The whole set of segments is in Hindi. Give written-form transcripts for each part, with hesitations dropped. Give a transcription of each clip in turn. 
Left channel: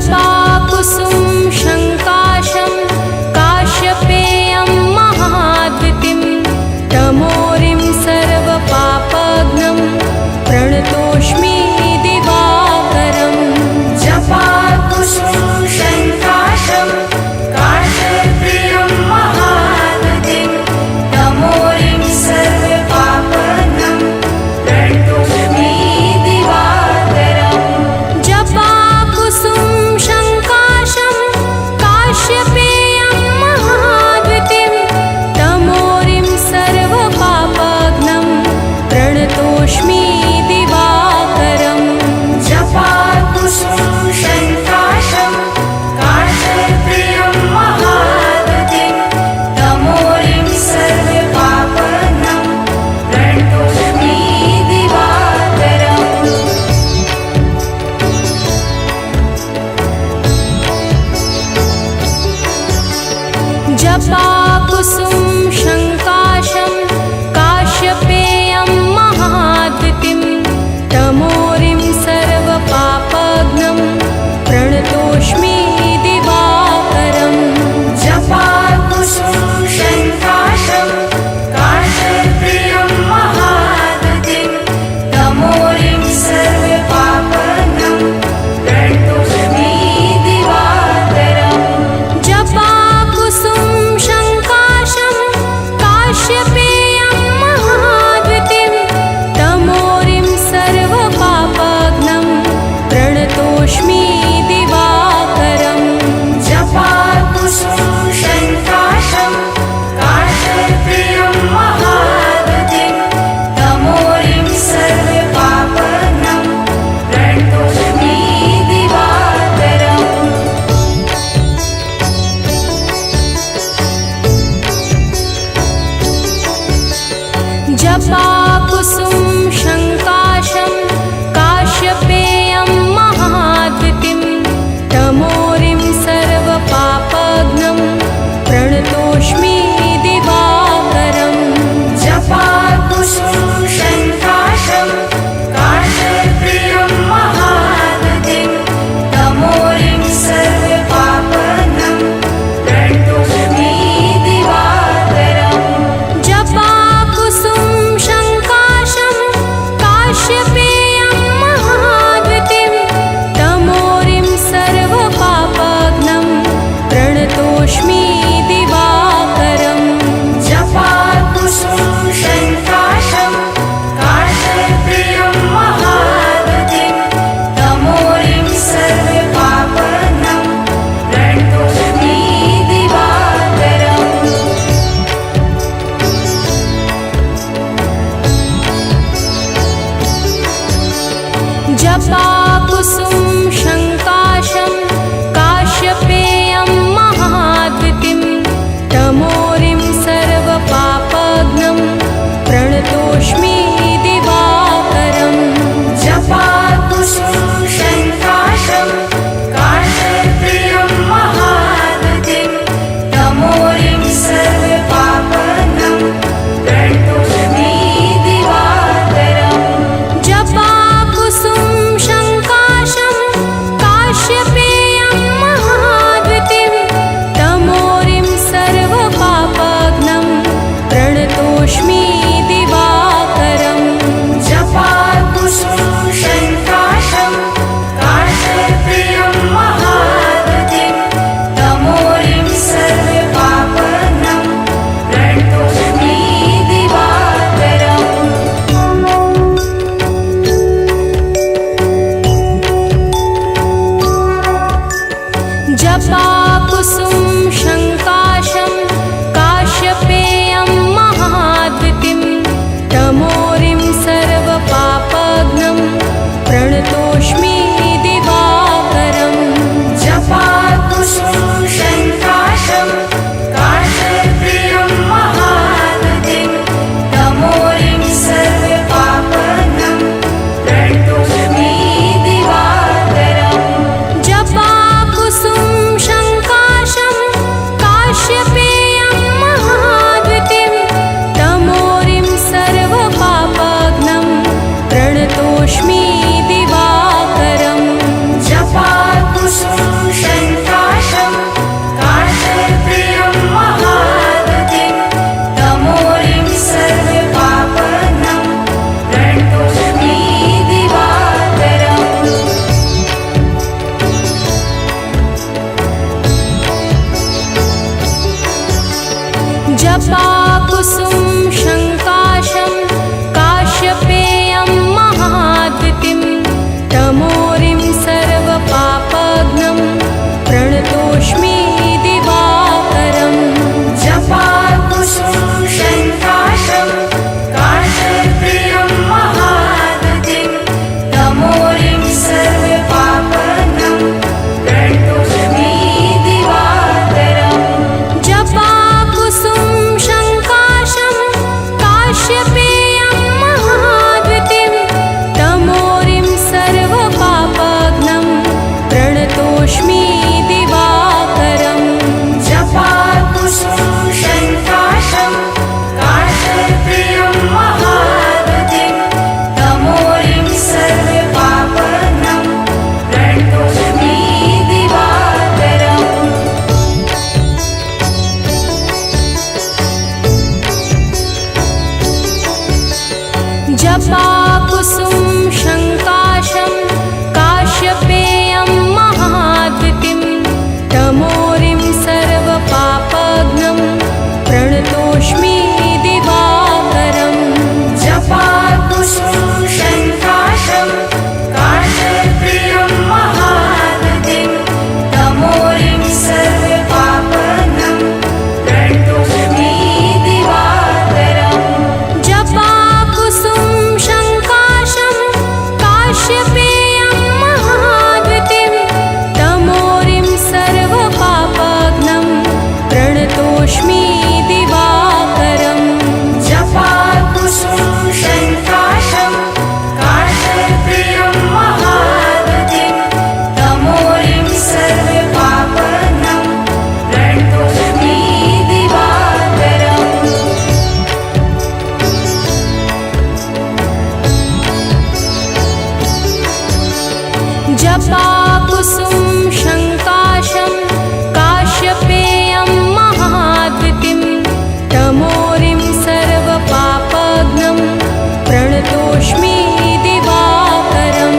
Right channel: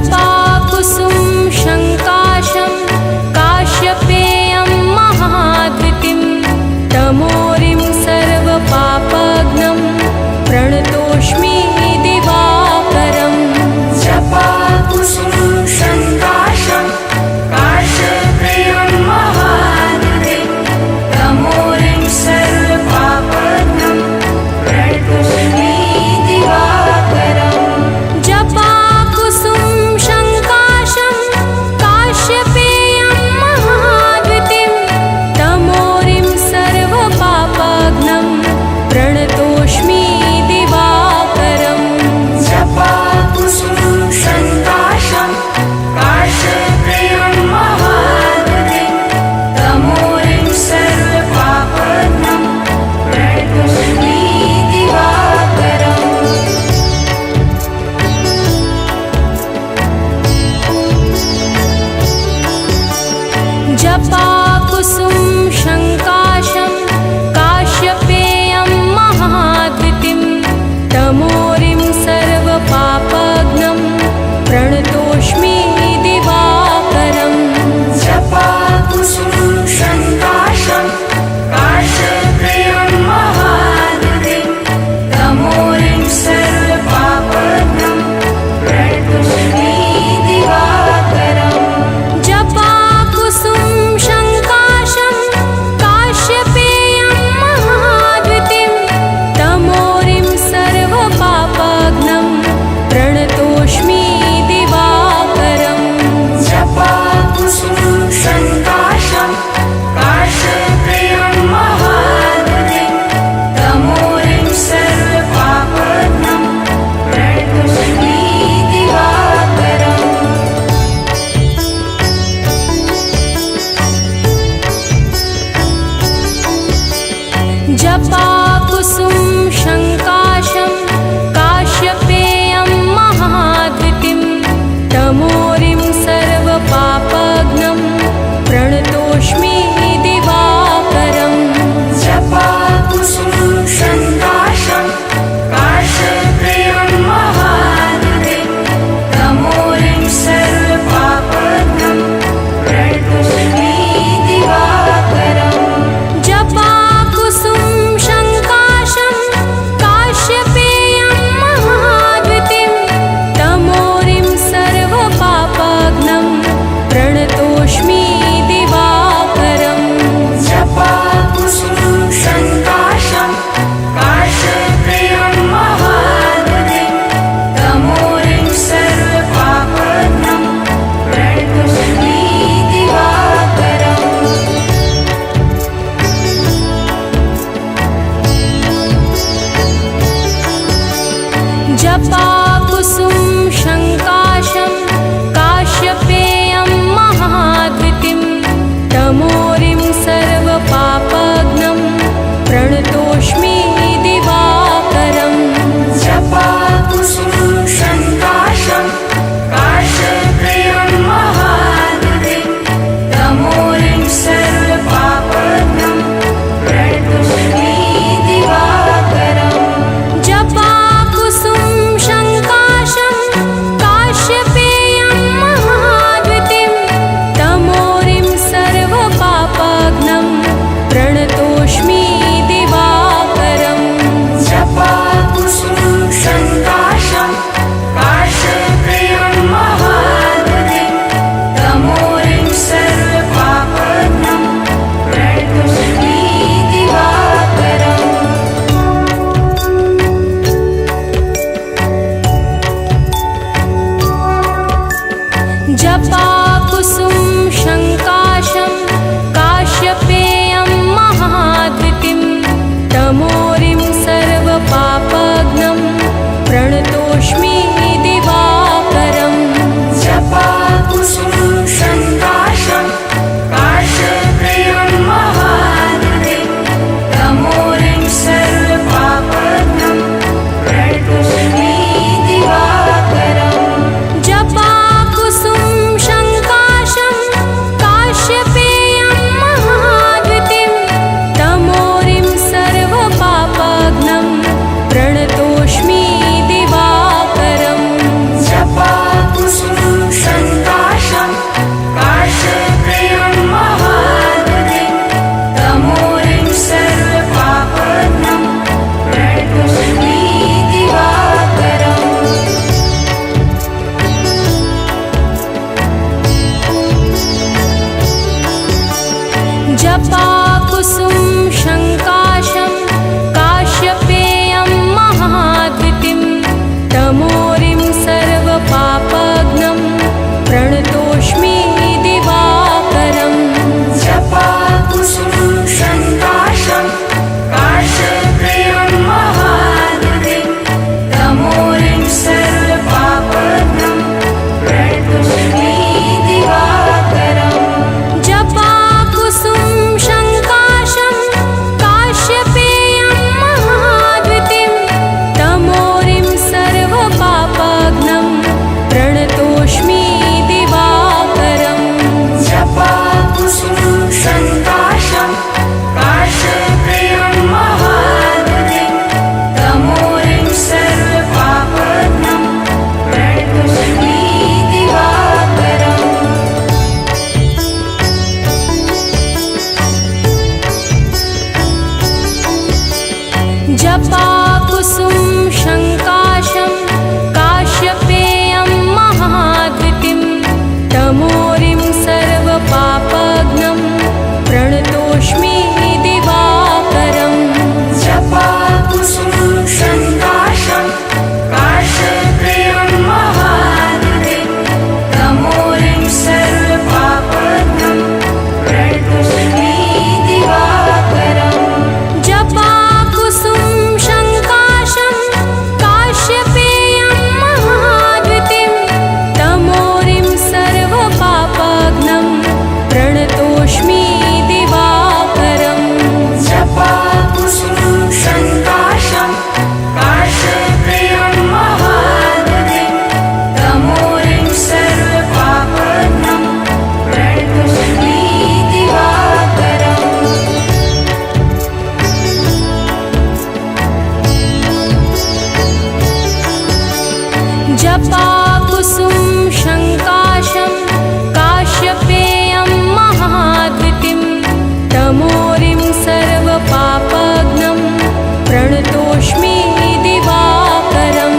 जपाकुसुम शङ्काशं काश्यपेयं महाद्वितीं तमोरिं सर्वपापघ्नं प्रणतोऽस्मि दिवाकरम्। जपाकुसुम शङ्काशं काश्यपेयं महाद्वितीं तमोरिं सर्वपापघ्नं प्रणतोऽस्मि दिवाकरम्। जपाकुसुम शङ्काशं काश्यपेयं महाद्वितीं तमोरिं सर्वपापघ्नं प्रणतोऽस्मि दिवाकरम्। जपाकुसुम शङ्काशं काश्यपेयं महाद्वितीं तमोरिं सर्वपापघ्नं प्रणतोऽस्मि दिवाकरम्। जपाकुसुम शङ्काशं काश्यपेयं महाद्वितीं तमोरिं सर्वपापघ्नं प्रणतोऽस्मि दिवाकरम्। जपाकुसुम शङ्काशं काश्यपेयं महाद्वितीं तमोरिं सर्वपापघ्नं प्रणतोऽस्मि दिवाकरम्। जपाकुसुम शङ्काशं काश्यपेयं महाद्वितीं तमोरिं सर्वपापघ्नं प्रणतोऽस्मि दिवाकरम्। जपाकुसुम शङ्काशं काश्यपेयं महाद्वितीं तमोरिं सर्वपापघ्नं प्रणतोऽस्मि दिवाकरम्। जपाकुसुम शङ्काशं काश्यपेयं महाद्वितीं तमोरिं सर्वपापघ्नं प्रणतोऽस्मि दिवाकरम्। जपाकुसुम शङ्काशं काश्यपेयं महाद्वितीं तमोरिं सर्वपापघ्नं प्रणतोऽस्मि दिवाकरम्। जपाकुसुम शङ्काशं काश्यपेयं महाद्वितीं तमोरिं सर्वपापघ्नं प्रणतोऽस्मि दिवाकरम्। जपाकुसुम शङ्काशं काश्यपेयं महाद्वितीं तमोरिं सर्वपापघ्नं प्रणतोऽस्मि दिवाकरम्। जपाकुसुम शङ्काशं काश्यपेयं महाद्वितीं जपाकुसुम शङ्काशं काश्यपेयं महाद्युतिं तमोरिं सर्वपापघ्नं प्रणतोऽस्मि दिवाकरम् जपाकुसुम शङ्काशं काश्यपेयं महाद्युतिं तमोरिं सर्वपापघ्नं प्रणतोऽस्मि दिवाकरम् जपाकुसुम शङ्काशं काश्यपेयं महाद्युतिं तमोरिं सर्वपापघ्नं प्रणतोऽस्मि दिवाकरम् जपाकुसुम शङ्काशं काश्यपेयं महाद्युतिं तमोरिं सर्वपापघ्नं प्रणतोऽस्मि दिवाकरम् जपाकुसुम शङ्काशं काश्यपेयं महाद्युतिं तमोरिं सर्वपापघ्नं प्रणतोऽस्मि दिवाकरम् जपाकुसुम शङ्काशं काश्यपेयं महाद्युतिं तमोरिं सर्वपापघ्नं प्रणतोऽस्मि दिवाकरम् जपाकुसुम शङ्काशं काश्यपेयं महाद्युतिं तमोरिं सर्वपापघ्नं प्रणतोऽस्मि दिवाकरम् जपाकुसुम शङ्काशं काश्यपेयं महाद्युतिं तमोरिं सर्वपापघ्नं प्रणतोऽस्मि दिवाकरम् जपाकुसुम शङ्काशं काश्यपेयं महाद्युतिं तमोरिं सर्वपापघ्नं प्रणतोऽस्मि दिवाकरम्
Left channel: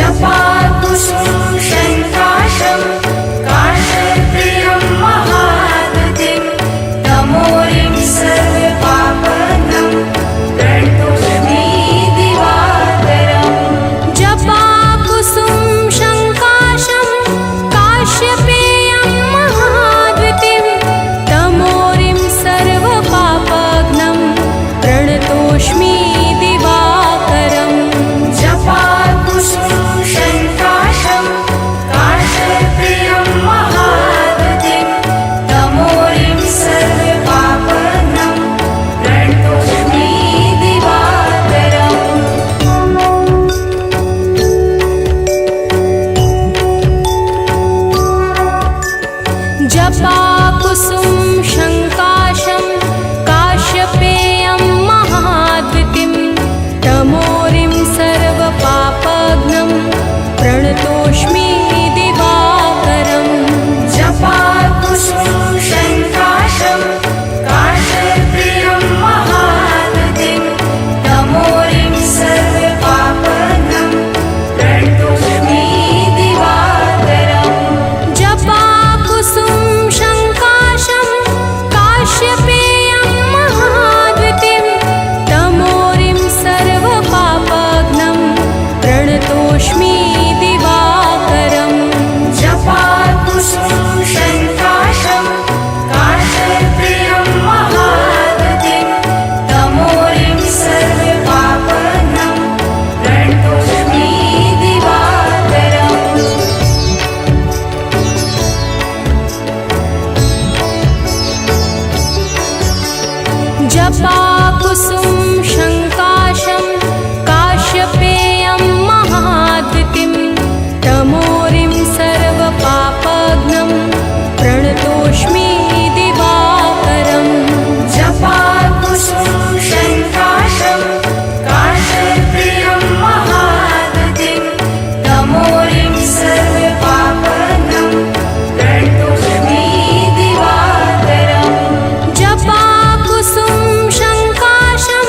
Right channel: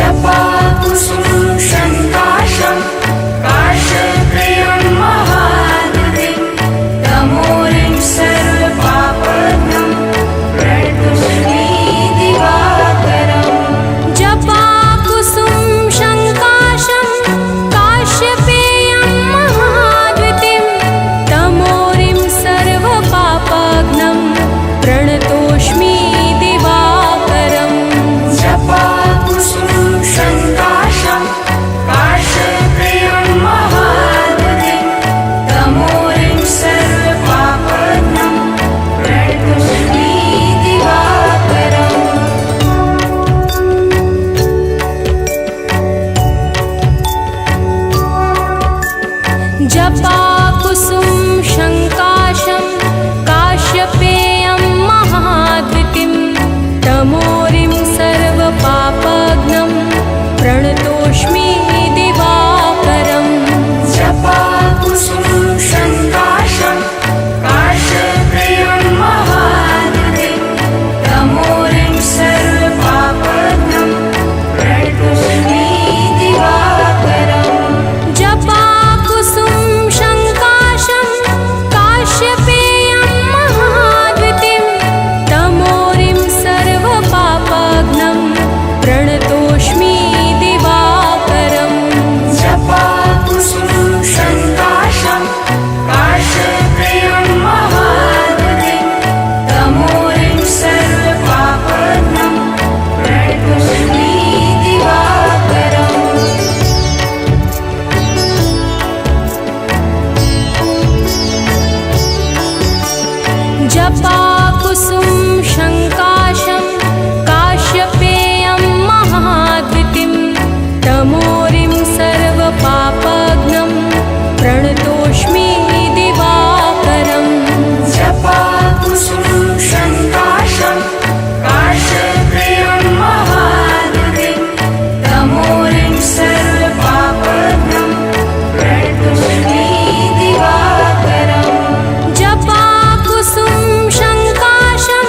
जपाकुसुम शङ्काशं काश्यपेयं महाद्युतिं तमोरिं सर्वपापघ्नं प्रणतोऽस्मि दिवाकरम् जपाकुसुम शङ्काशं काश्यपेयं महाद्युतिं तमोरिं सर्वपापघ्नं प्रणतोऽस्मि दिवाकरम् जपाकुसुम शङ्काशं काश्यपेयं महाद्युतिं तमोरिं सर्वपापघ्नं प्रणतोऽस्मि दिवाकरम् जपाकुसुम शङ्काशं काश्यपेयं महाद्युतिं तमोरिं सर्वपापघ्नं प्रणतोऽस्मि दिवाकरम् जपाकुसुम शङ्काशं काश्यपेयं महाद्युतिं तमोरिं सर्वपापघ्नं प्रणतोऽस्मि दिवाकरम् जपाकुसुम शङ्काशं काश्यपेयं महाद्युतिं तमोरिं सर्वपापघ्नं प्रणतोऽस्मि दिवाकरम् जपाकुसुम शङ्काशं काश्यपेयं महाद्युतिं तमोरिं सर्वपापघ्नं प्रणतोऽस्मि दिवाकरम् जपाकुसुम शङ्काशं काश्यपेयं महाद्युतिं तमोरिं सर्वपापघ्नं प्रणतोऽस्मि दिवाकरम् जपाकुसुम शङ्काशं काश्यपेयं महाद्युतिं तमोरिं सर्वपापघ्नं प्रणतोऽस्मि दिवाकरम् जपाकुसुम शङ्काशं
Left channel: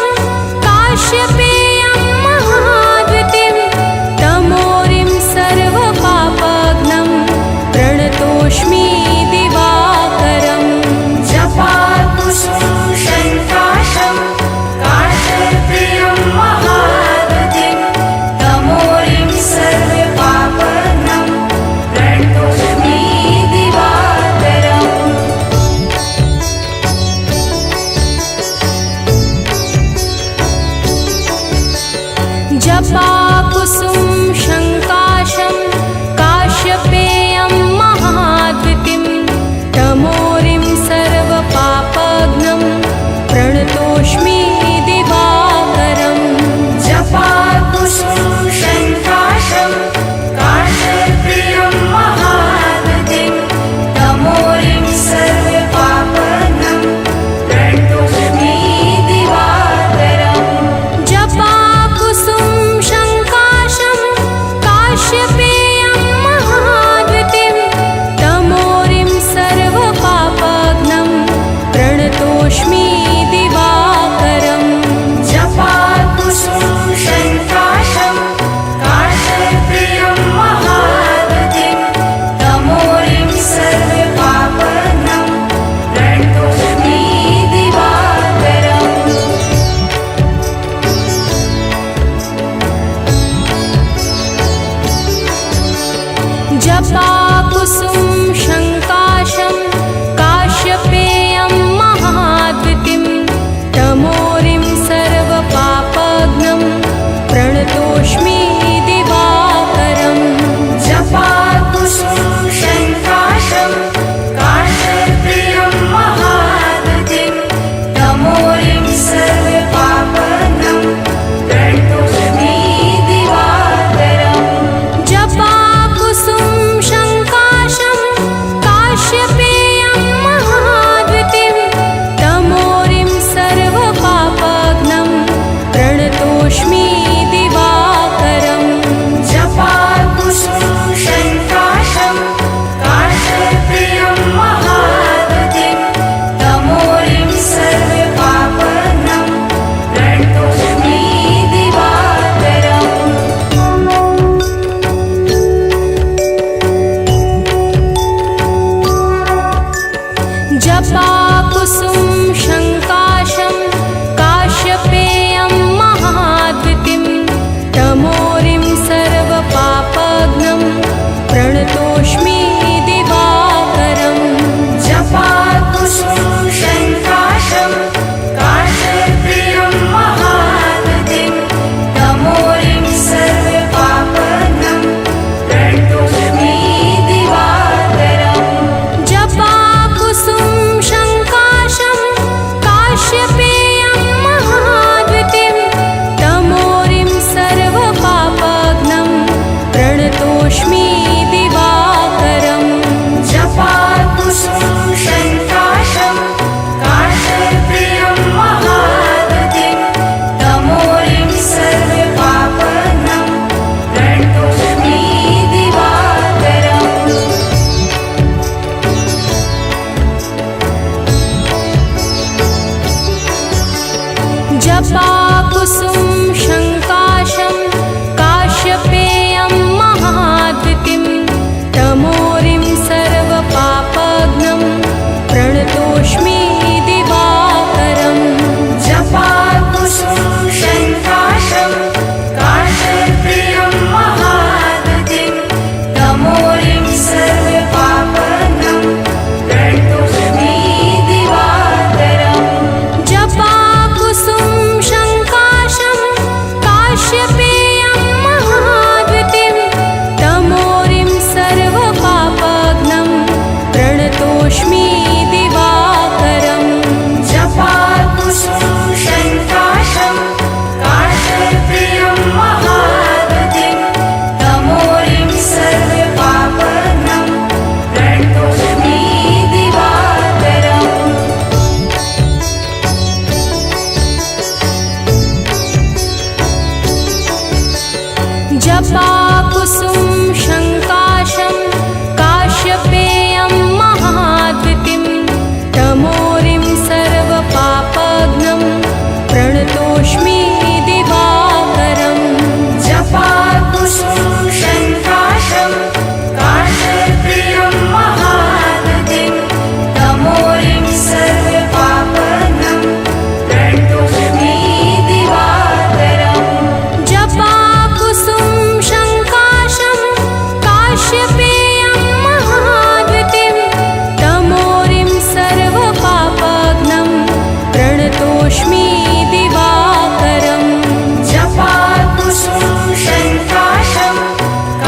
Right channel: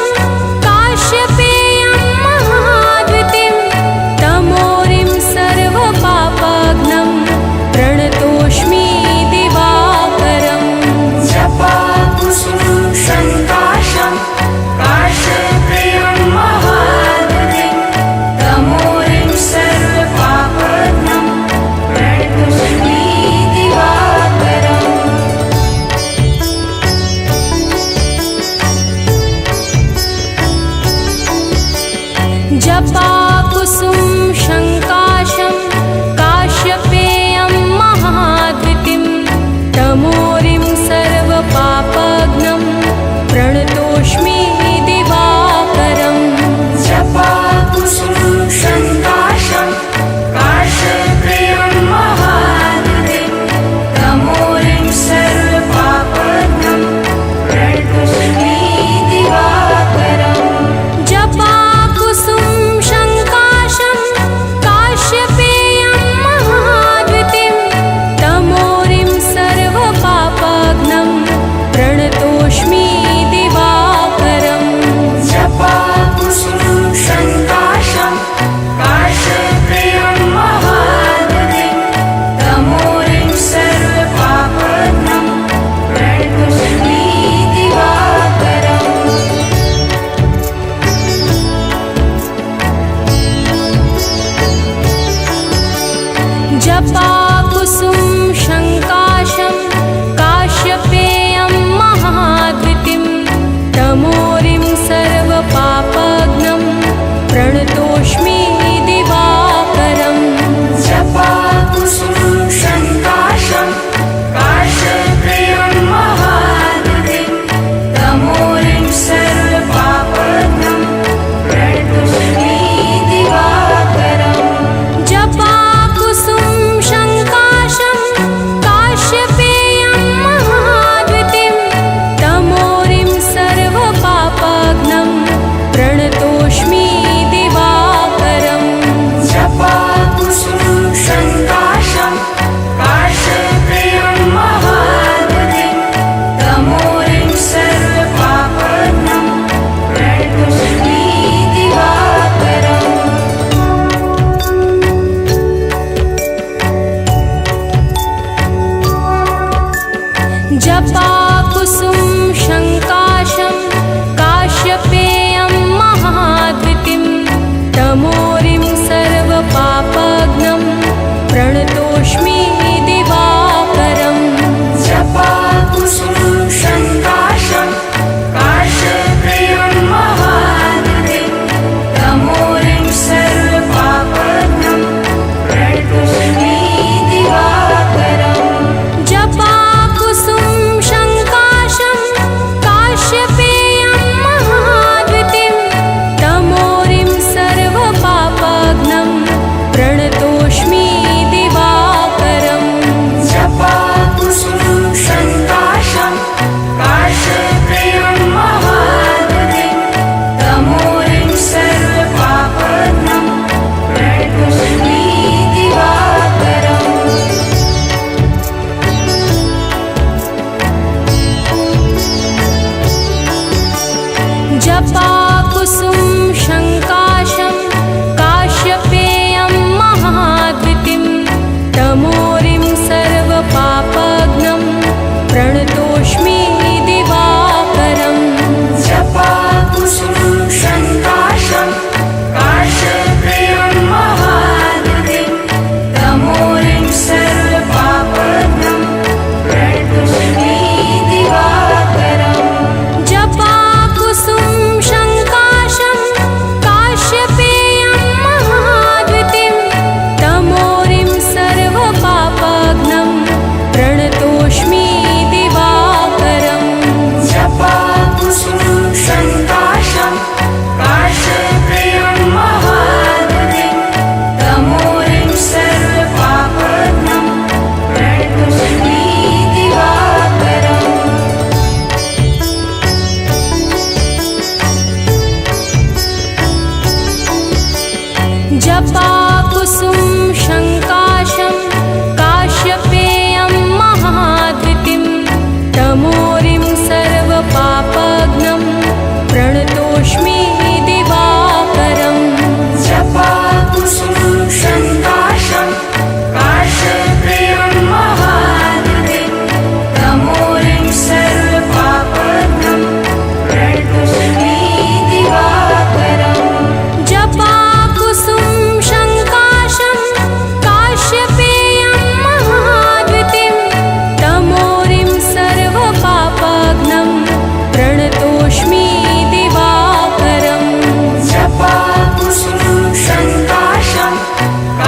जपाकुसुम शङ्काशं काश्यपेयं महाद्वितीं तमोरिं सर्वपापघ्नं प्रणतोऽस्मि दिवाकरम् जपाकुसुम शङ्काशं काश्यपेयं महाद्वितीं तमोरिं सर्वपापघ्नं प्रणतोऽस्मि दिवाकरम् जपाकुसुम शङ्काशं काश्यपेयं महाद्वितीं तमोरिं सर्वपापघ्नं प्रणतोऽस्मि दिवाकरम् जपाकुसुम शङ्काशं काश्यपेयं महाद्वितीं तमोरिं सर्वपापघ्नं प्रणतोऽस्मि दिवाकरम् जपाकुसुम शङ्काशं काश्यपेयं महाद्वितीं तमोरिं सर्वपापघ्नं प्रणतोऽस्मि दिवाकरम् जपाकुसुम शङ्काशं काश्यपेयं महाद्वितीं तमोरिं सर्वपापघ्नं प्रणतोऽस्मि दिवाकरम् जपाकुसुम शङ्काशं काश्यपेयं महाद्वितीं तमोरिं सर्वपापघ्नं प्रणतोऽस्मि दिवाकरम् जपाकुसुम शङ्काशं काश्यपेयं महाद्वितीं तमोरिं सर्वपापघ्नं प्रणतोऽस्मि दिवाकरम् जपाकुसुम शङ्काशं काश्यपेयं महाद्वितीं तमोरिं सर्वपापघ्नं प्रणतोऽस्मि दिवाकरम् जपाकुसुम शङ्काशं काश्यपेयं महाद्वितीं तमोरिं सर्वपापघ्नं प्रणतोऽस्मि दिवाकरम् जपाकुसुम शङ्काशं काश्यपेयं महाद्वितीं तमोरिं सर्वपापघ्नं प्रणतोऽस्मि दिवाकरम् जपाकुसुम शङ्काशं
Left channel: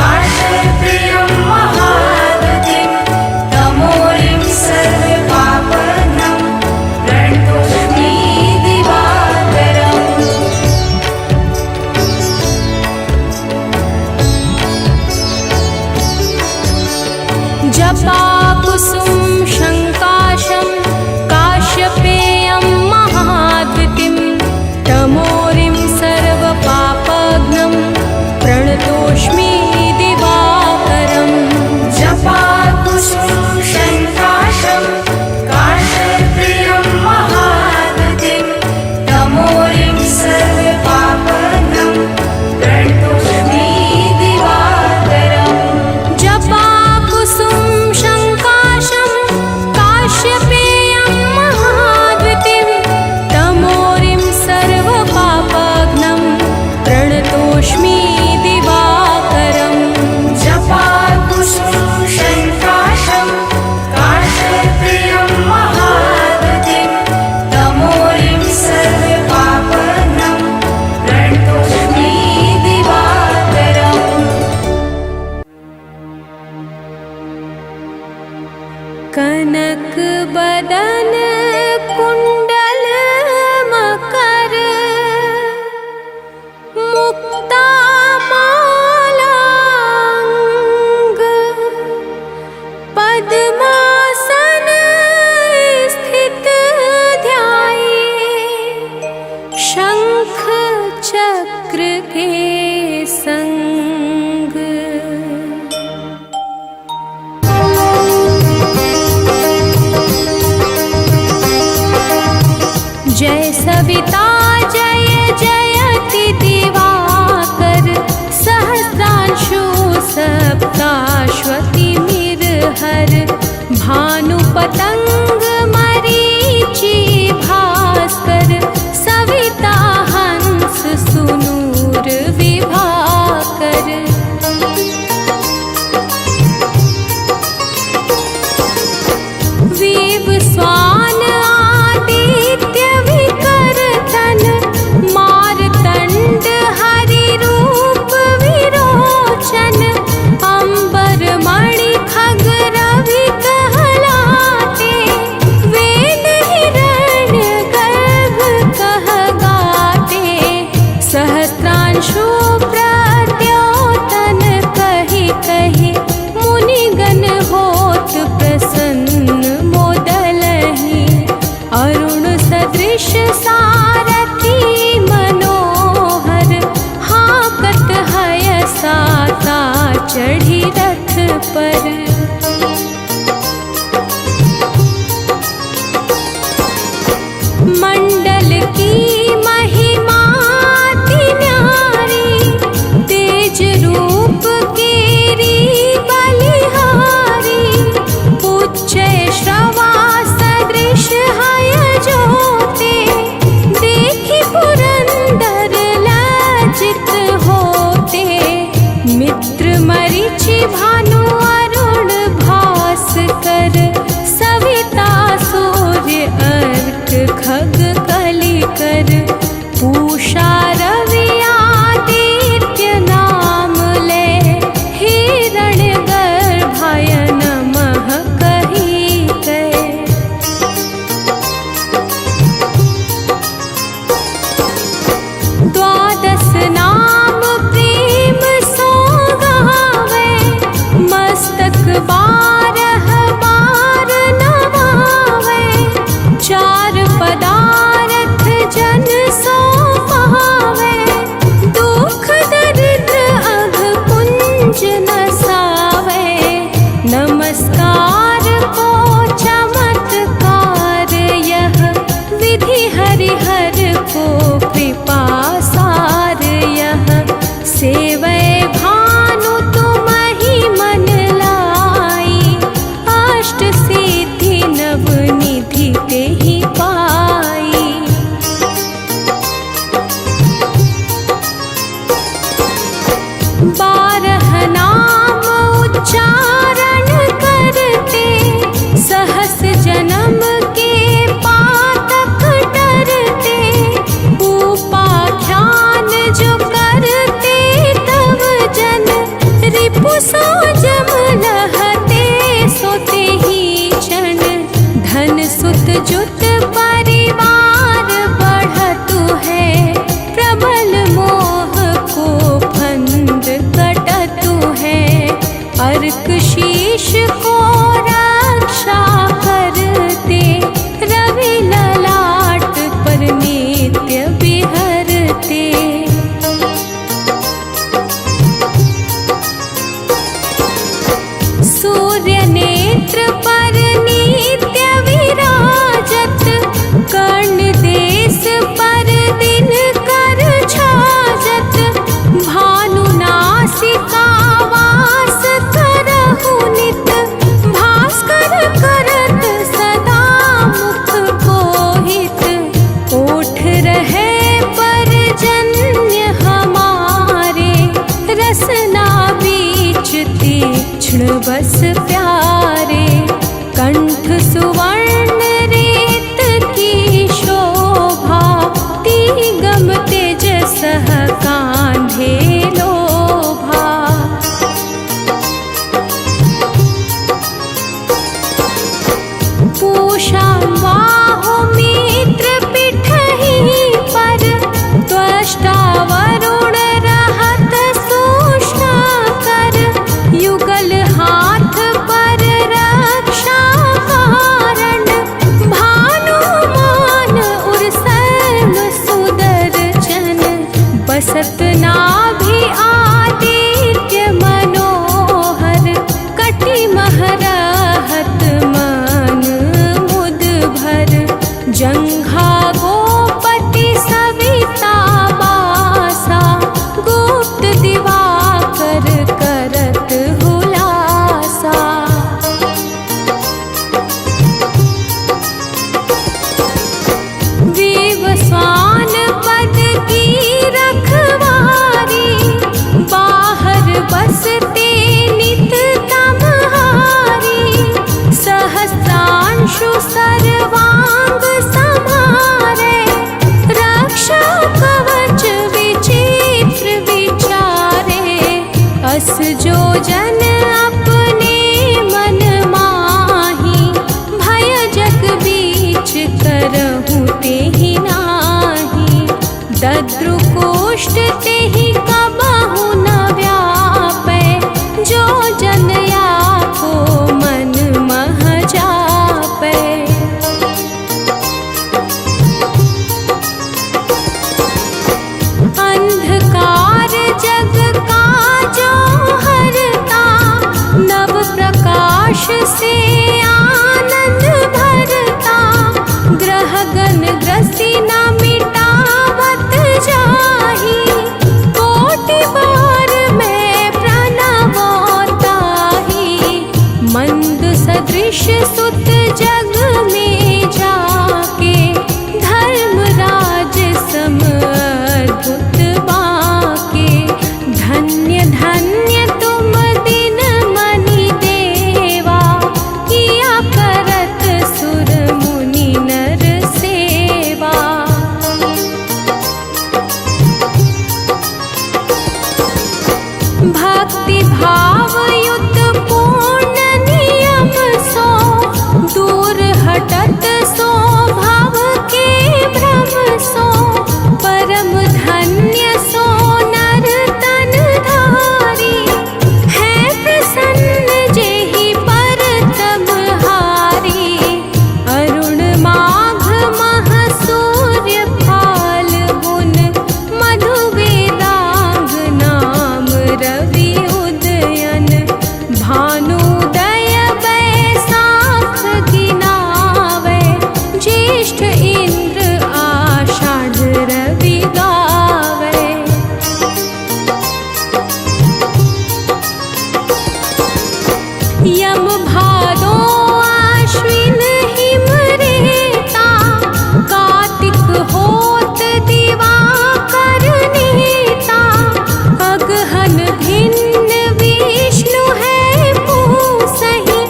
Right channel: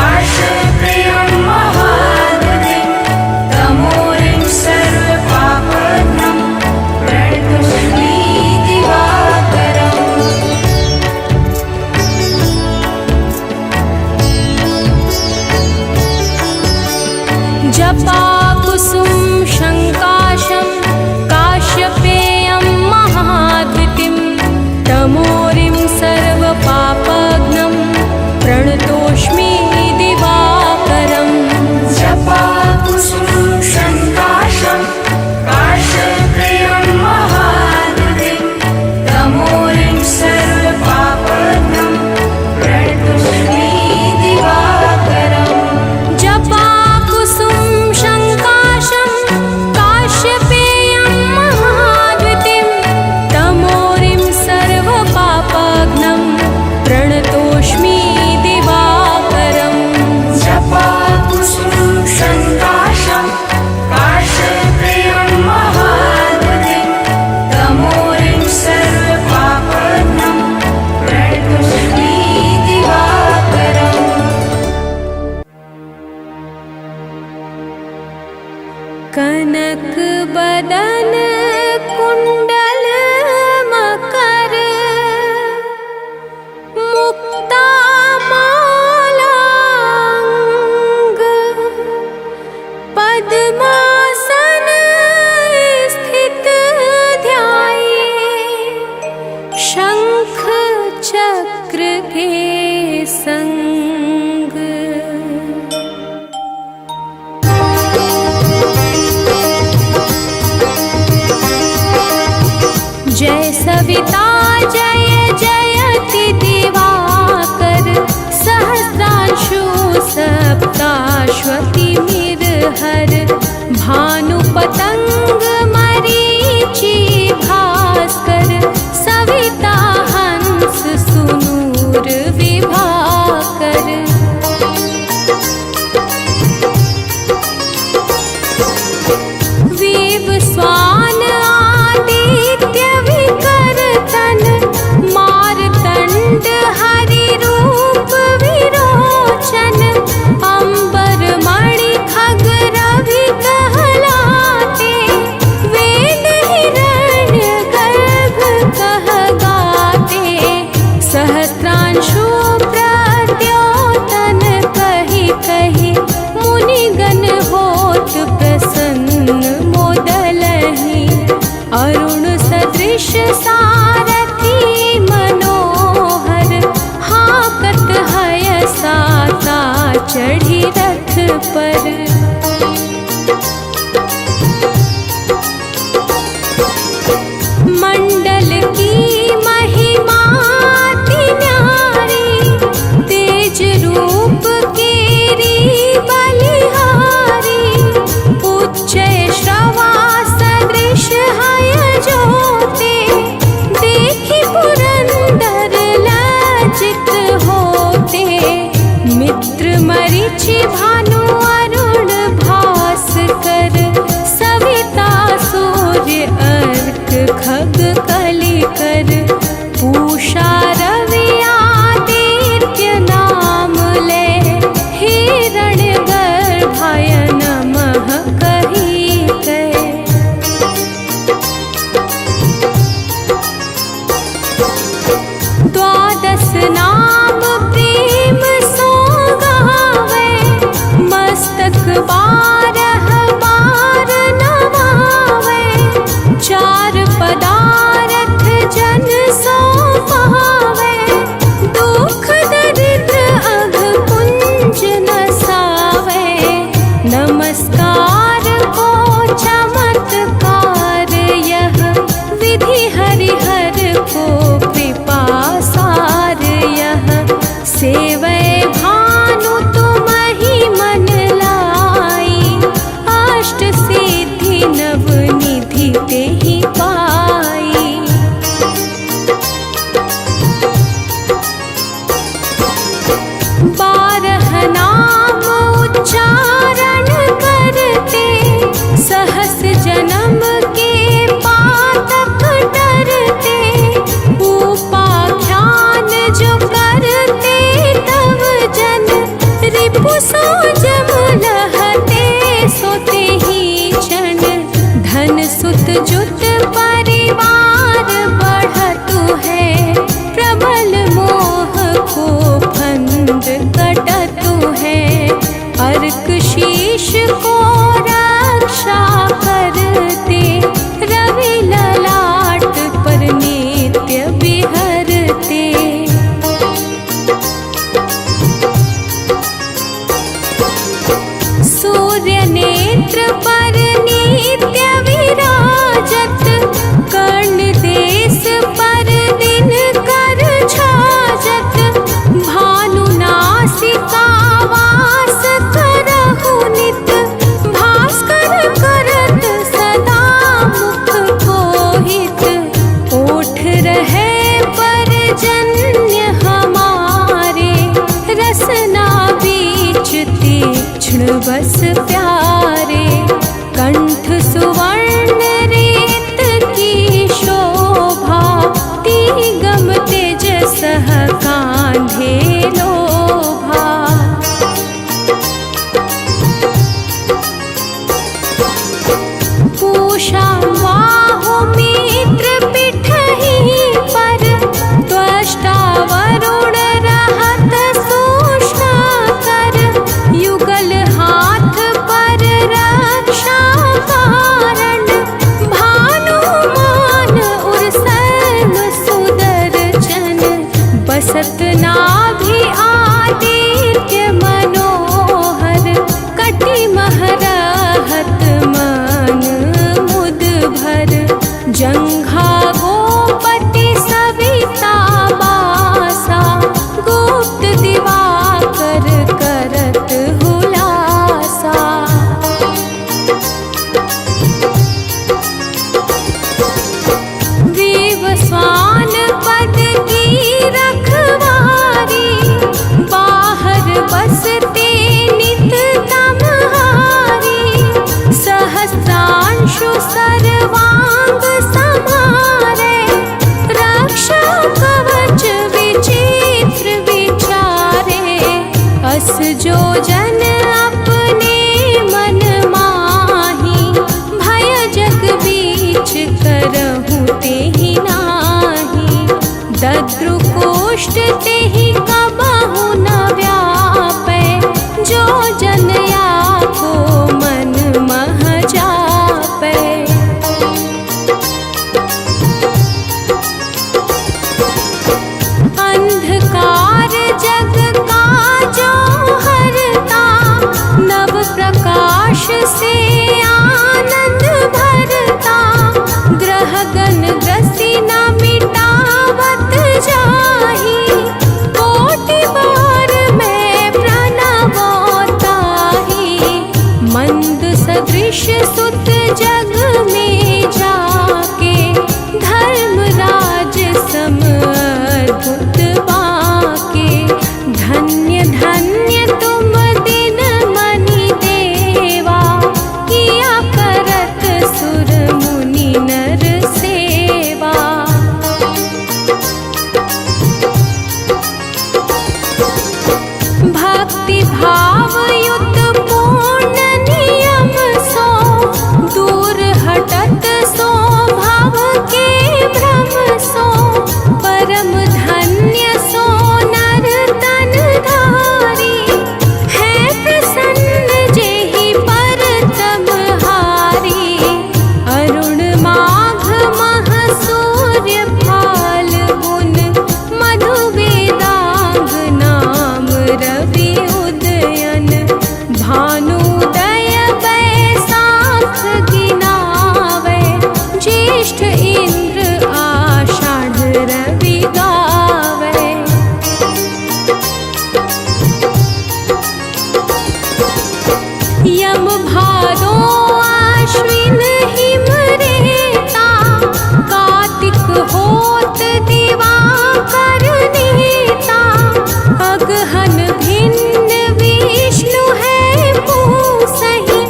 काश्यपेयं महाद्वितीं तमोरिं सर्वपापघ्नं प्रणतोऽस्मि दिवाकरम् जपाकुसुम शङ्काशं काश्यपेयं महाद्वितीं तमोरिं सर्वपापघ्नं प्रणतोऽस्मि दिवाकरम् जपाकुसुम शङ्काशं काश्यपेयं महाद्वितीं तमोरिं सर्वपापघ्नं प्रणतोऽस्मि दिवाकरम् जपाकुसुम शङ्काशं काश्यपेयं महाद्वितीं तमोरिं सर्वपापघ्नं प्रणतोऽस्मि दिवाकरम् जपाकुसुम शङ्काशं काश्यपेयं महाद्वितीं तमोरिं सर्वपापघ्नं प्रणतोऽस्मि दिवाकरम् कनक बदन कुंडल मकर मुक्ता मालांग पद्मासन स्थित ध्याये शंख चक्र के संग जय सविता जय जयति दिवाकर सहस्रांशु सप्ताश्वति मिरहर भानु पतंग विवस्वान आदित्य विकर्तन मारतंड हरि रूप विरोचन अंबर मणि खग रवि कहलाते वेद हिरण्य गर्भ कह गाते सहस्त्रांशु प्रद्योतन कहि कहि मुनिगण होत प्रसन्न मोदलहि अरुण सदृश सारथी मनोहर हाकत हय साता चढ़ी रथ पर मंडल की महिमा अति न्यारी तेज रूप केरी बलिहारी उच्च श्रवा सदृश हय जोते देखि पुरंदर लज्जित होते मित्र मरीचि भानु अरुण भास्कर सविता सूर्य अर्क खग कलिकर पूषा रवि आदित्य नाम ले हिरण्य गर्भाय नमः कहि कहे द्वादश नाम प्रेम सो गावे मस्तक बारह बार नवावे चार पदारथ जन सो पावे दुख दरिद्र अघ पुंज नसावे नमस्कार को चमत्कार यह विधि हरिहर को कृपा सार यह सेवै भानु तुम ही मन लाई अष्ट सिद्धि नव निधि तेहि पाई बारह नाम उच्चारण करते सहस जन्म के पातक डरते उपाख्यान जो करते तव जन रिपु सो जम लहते सोते ही क्षण धन सुत जुत परिवार बढ़तु है प्रबल मोह को फंद कटतु है अर्क शीश को रक्षा करते रवि ललाट पर नित्य बिहरते सूर्य नेत्र पर नित्य विराजत कर्ण देश पर दिन कर छाजत भानु नासिका वास करहु नित भास्कर करत सदा मुख कोहित ओठ रहे पर जन्य हमारे रसना बीच तीक्ष्ण बस प्यारे कंठ सुवर्ण रेत की शोभा तिगम तेजस कांधे लोभा पूषा बाहु मित्र पिठहि पर त्वष्टा वरुण रहत सूक्ष्म कर युगल हाथ पर रक्षा कारण भानुमान उर सर्व सुदर्शन बसत नाभि आदित्य मनोहर कटि महरहत मन मुद भर जंघा गोपति सविता बासा गुप्त दिवाकर करत हुलासा विवस्वान पद की रखवा आशु सर्वांग समारे, रक्षा कवच विचित्र विचारे। अस जो जन अपने मन माही, भय जग बीच करहु तेहि नाही। दद्रु कोष्ठ तेहि कबहु न व्यापै, जो जन को मन मह जापै। अंधकार जग का जो हरता, नव प्रकाश से आनंद भरता। ग्रह गण ग्रसी न मिटावत जाही, कोटि बार मैं प्रणवताही। मंद सदृश सुत जग में जाके, धर्मराज सम अद्भुत बाके। धन्य धन्य तुम दिन मनि देवा, किया करत सुर मुनि नर सेवा। भक्ति भाव युत पूर्ण नियम सो, दूर हटत सो भाव के भ्रम सो। परम धन्य सो नर तन धारी, है प्रसन्न जेहि पर तम हारी। अरुण माघ मह सूर्य फाल्गुन, मधु वेदांग नाम रवि उदयन। भानुदय बैसाख गिनावे, ज्येष्ठ इंद्र आषाढ़ रवि गावे। यम भादो आश्विन हिम रेता, कार्तिक होत दिवाकर नीता। अगहन भिन्न विष्णु है पूसहि,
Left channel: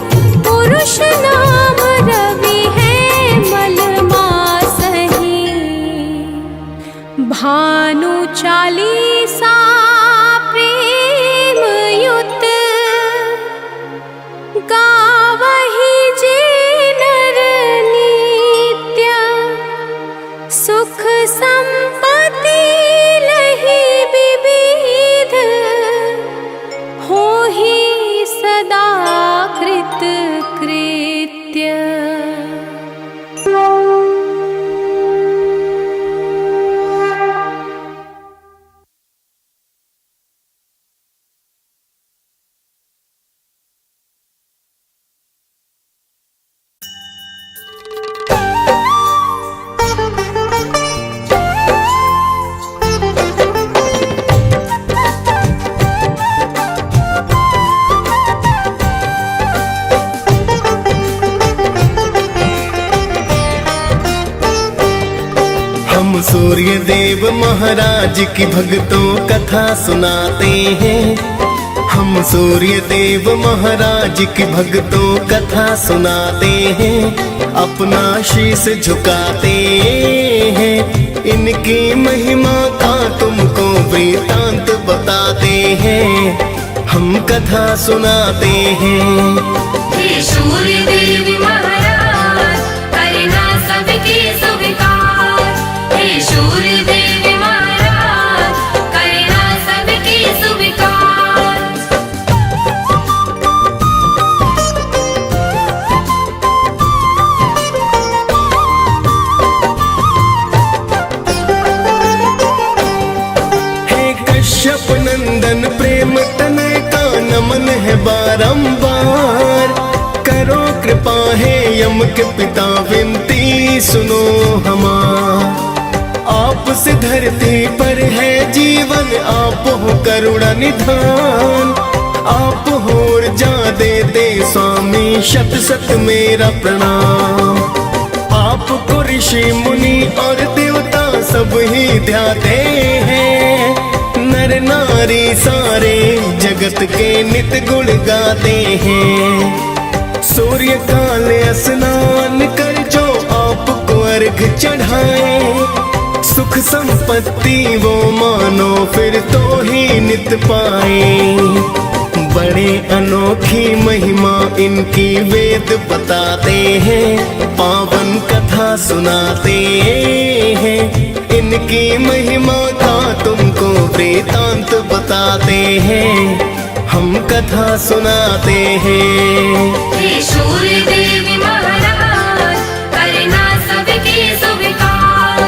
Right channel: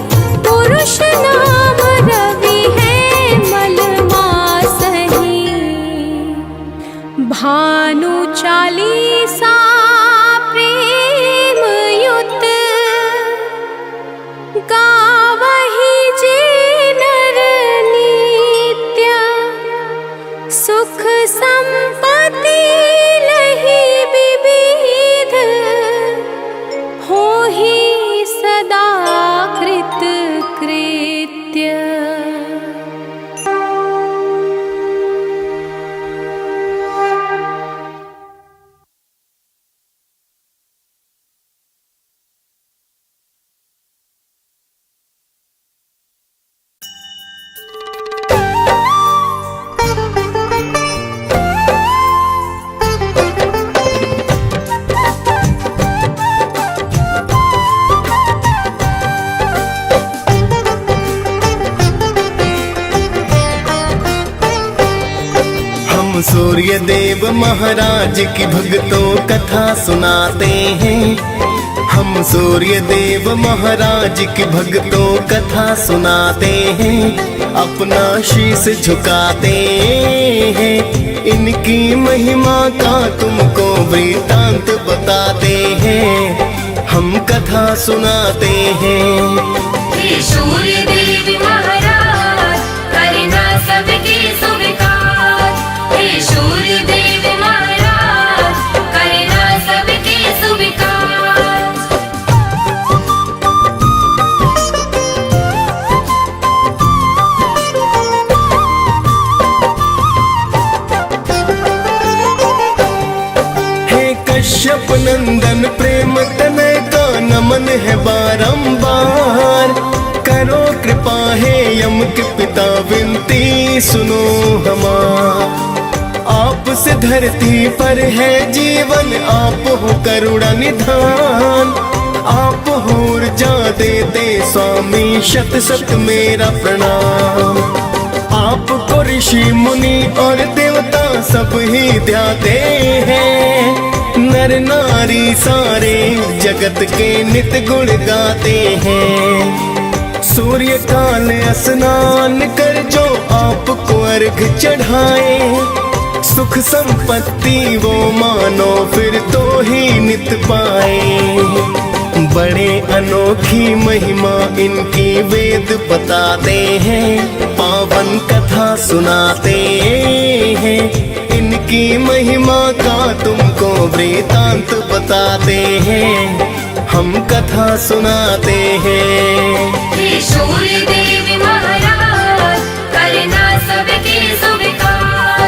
पुरुष नाम रवि है मल मासहि। भानु चालीसा प्रेम युत, गावहि जे नर नित्य। सुख संपत्ति लहि विविध, होहि सदा कृत कृत्य। हम सूर्य देव महाराज की भक्तों कथा सुनाते हैं। हम सूर्य देव महाराज की भक्तों कथा सुनाते हैं। अपना शीश झुकाते हैं, इनकी महिमा का तुमको वृतांत बताते हैं। हम कथा सुनाते हैं। हे सूर्य देव महाराज, करना सबके स्वीकार। हे सूर्य देव महाराज, करना सबके स्वीकार। हे कश्यप नंदन प्रेम तनय का नमन है बारंबार। करो कृपा है यम के पिता विनती सुनो हमार। आप से धरती पर है जीवन, आप हो करुणा निधान। आप हो ऊर्जा देते स्वामी, शत शत मेरा प्रणाम। आपको ऋषि मुनि और देवता सब ही ध्याते हैं। नर नारी सारे जगत के नित गुण गाते हैं। सूर्य काल स्नान कर जो आपको अर्घ चढ़ाए, सुख संपत्ति वो मानो फिर तो ही नित पाए। बड़े अनोखी महिमा इनकी वेद बताते हैं, पावन कथा सुनाते हैं। इनकी महिमा का तुमको वृतांत बताते हैं, हम कथा सुनाते हैं। हे सूर्य देव महाराज करना सबके स्वीकार।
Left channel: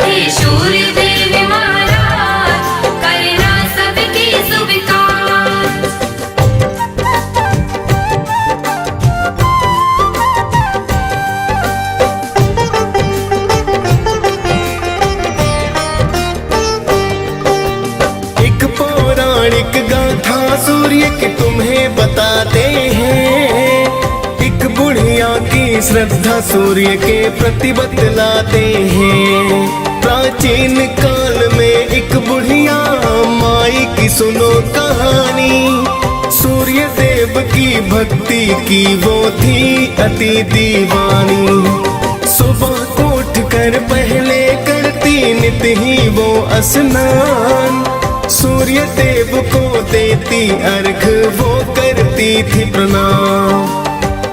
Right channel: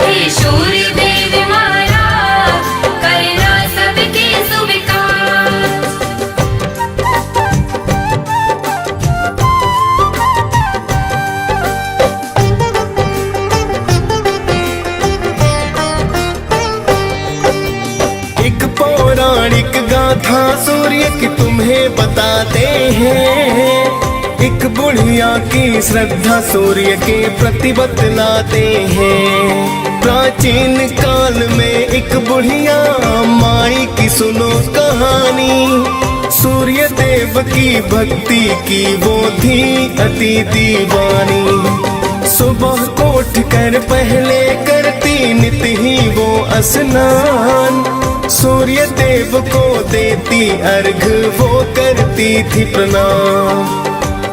हे सूर्य देव महाराज करना सबके स्वीकार। एक पौराणिक गाथा सूर्य की तुम्हें बताते हैं, एक बुढ़िया की श्रद्धा सूर्य के प्रति बतलाते हैं। प्राचीन काल में एक बुढ़िया माई की सुनो कहानी, सूर्य देव की भक्ति की वो थी अति दीवानी। सुबह को उठकर पहले करती नित ही वो स्नान, सूर्य देव को देती अर्घ वो करती थी प्रणाम।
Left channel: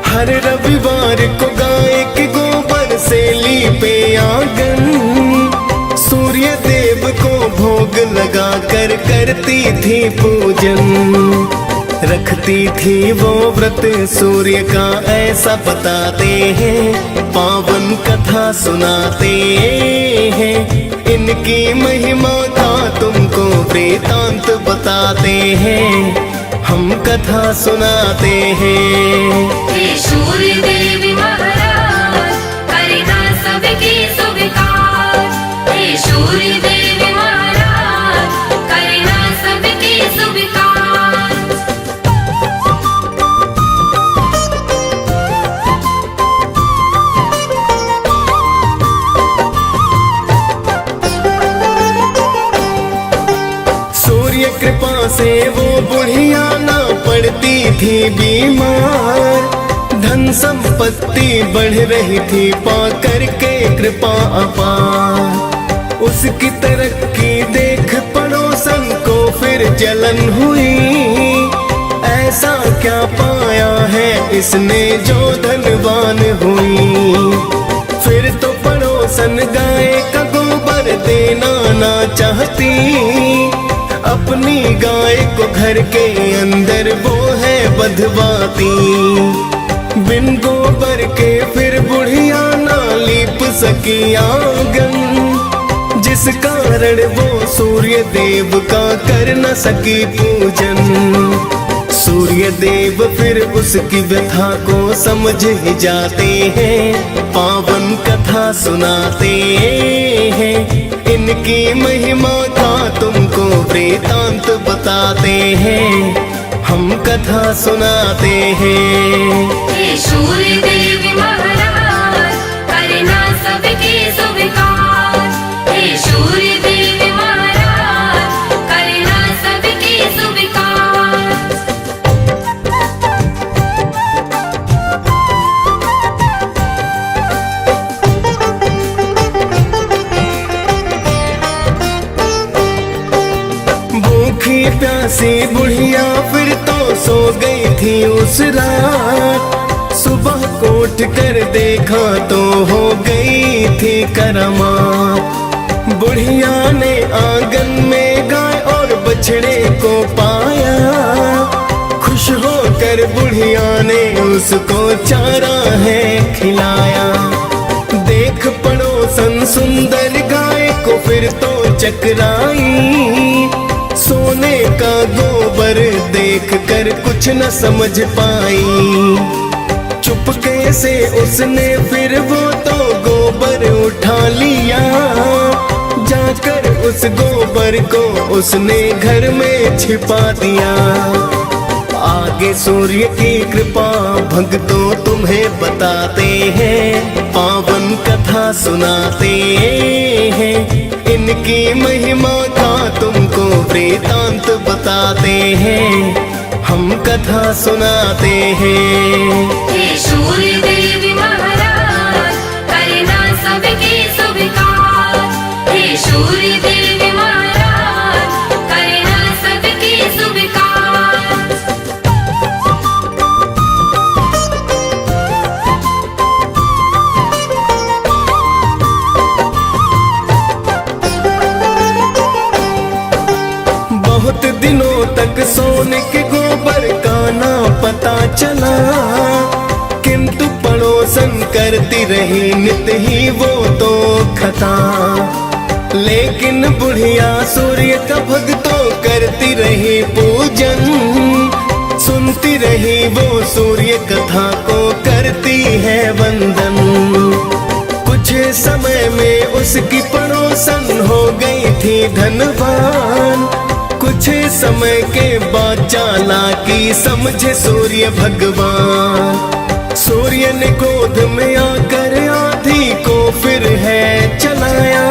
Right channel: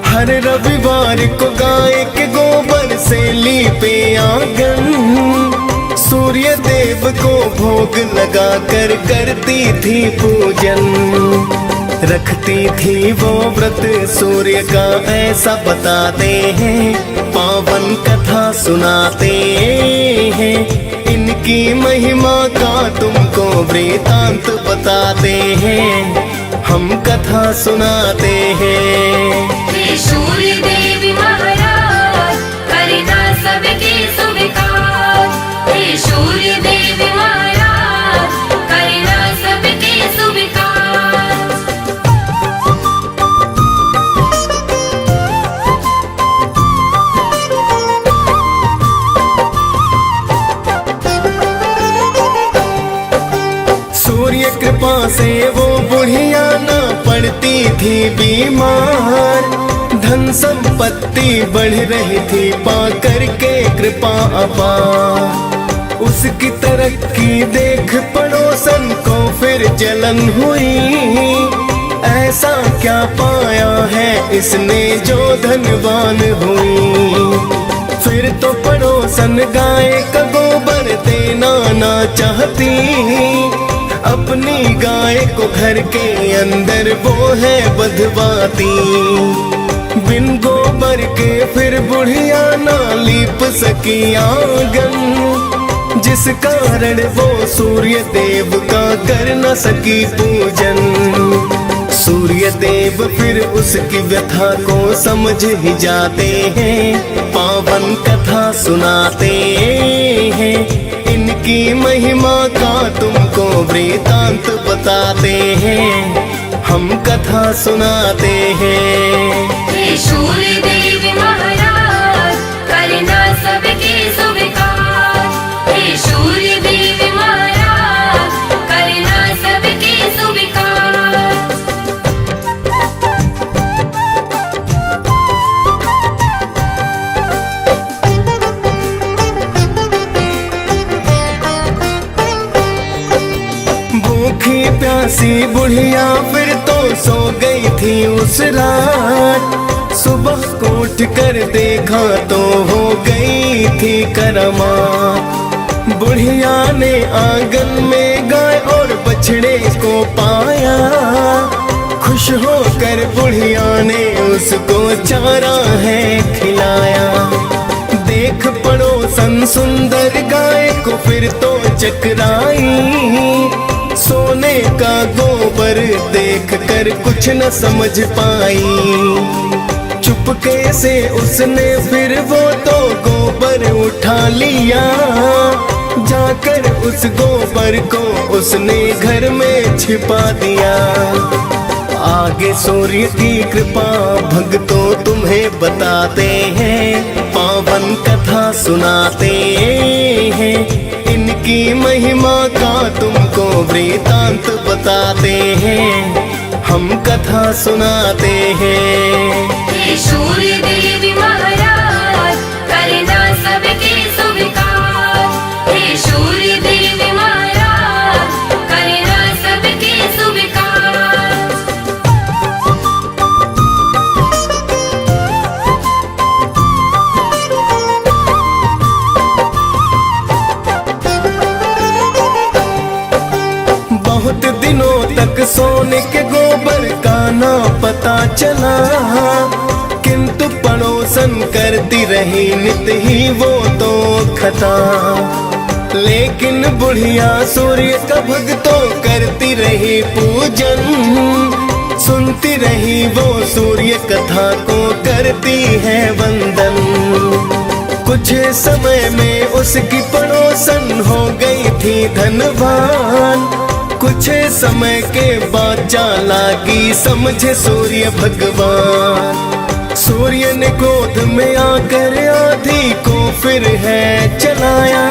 हर रविवार को गाय के गोबर से लीपे आंगन, सूर्य देव को भोग लगा कर करती थी पूजन। रखती थी वो व्रत सूर्य का ऐसा बताते हैं, पावन कथा सुनाते हैं। इनकी महिमा का तुमको वृतांत बताते हैं, हम कथा सुनाते हैं। हे सूर्य देव महाराज करना सबके स्वीकार। हे सूर्य देव महाराज करना सबके स्वीकार। सूर्य कृपा से वो बुढ़िया ना पड़ती थी बीमार, धन संपत्ति बढ़ रही थी पा करके कृपा अपार। उसकी तरक्की देख पड़ोसन को फिर जलन हुई, ऐसा क्या पाया है इसने जो धनवान हुई। फिर तो पड़ोसन गाय का गोबर देना ना चाहती, अपनी गाय को घर के अंदर वो है बंधवाती। बिन गोबर के फिर बुढ़िया ना लीप सकी आंगन, जिस कारण वो सूर्य देव का कर न सकी पूजन। सूर्य देव फिर उसकी व्यथा को समझ ही जाते हैं, पावन कथा सुनाते हैं। इनकी महिमा का तुमको वृतांत बताते हैं, हम कथा सुनाते हैं। हे सूर्य देव महाराज करना सबके स्वीकार। हे सूर्य देव महाराज करना सबके स्वीकार। भूखी प्यासी बुढ़िया फिर तो सो गई थी उस रात, सुबह को उठ कर देखा तो हो गई थी करामात। बुढ़िया ने आंगन में गाय और बछड़े को पाया, खुश होकर बुढ़िया ने उसको चारा है खिलाया। देख पड़ोसन सुंदर गाय को फिर तो चकराई, सोने का गोबर देख कर कुछ न समझ पाई। चुपके से उसने फिर वो तो गोबर उठा लिया, जाकर उस गोबर को उसने घर में छिपा दिया। आगे सूर्य की कृपा भक्तों तुम्हें बताते हैं, पावन कथा सुनाते हैं। इनकी महिमा का तुमको वृतांत बताते हैं, हम कथा सुनाते हैं। हे सूर्य देव महाराज करना सबके स्वीकार। हे सूर्य देव महाराज करना सबके स्वीकार। बहुत दिनों तक सोने के गोबर का ना पता चला, किंतु पड़ोसन करती रही नित ही वो तो खता। लेकिन बुढ़िया सूर्य का भक्तों करती रही पूजन, सुनती रही वो सूर्य कथा को करती है वंदन। कुछ समय में उसकी पड़ोसन हो गई थी धनवान। कुछ समय के बाद चालाकी समझे सूर्य भगवान। सूर्य ने क्रोध में आकर आंधी को फिर है चलाया।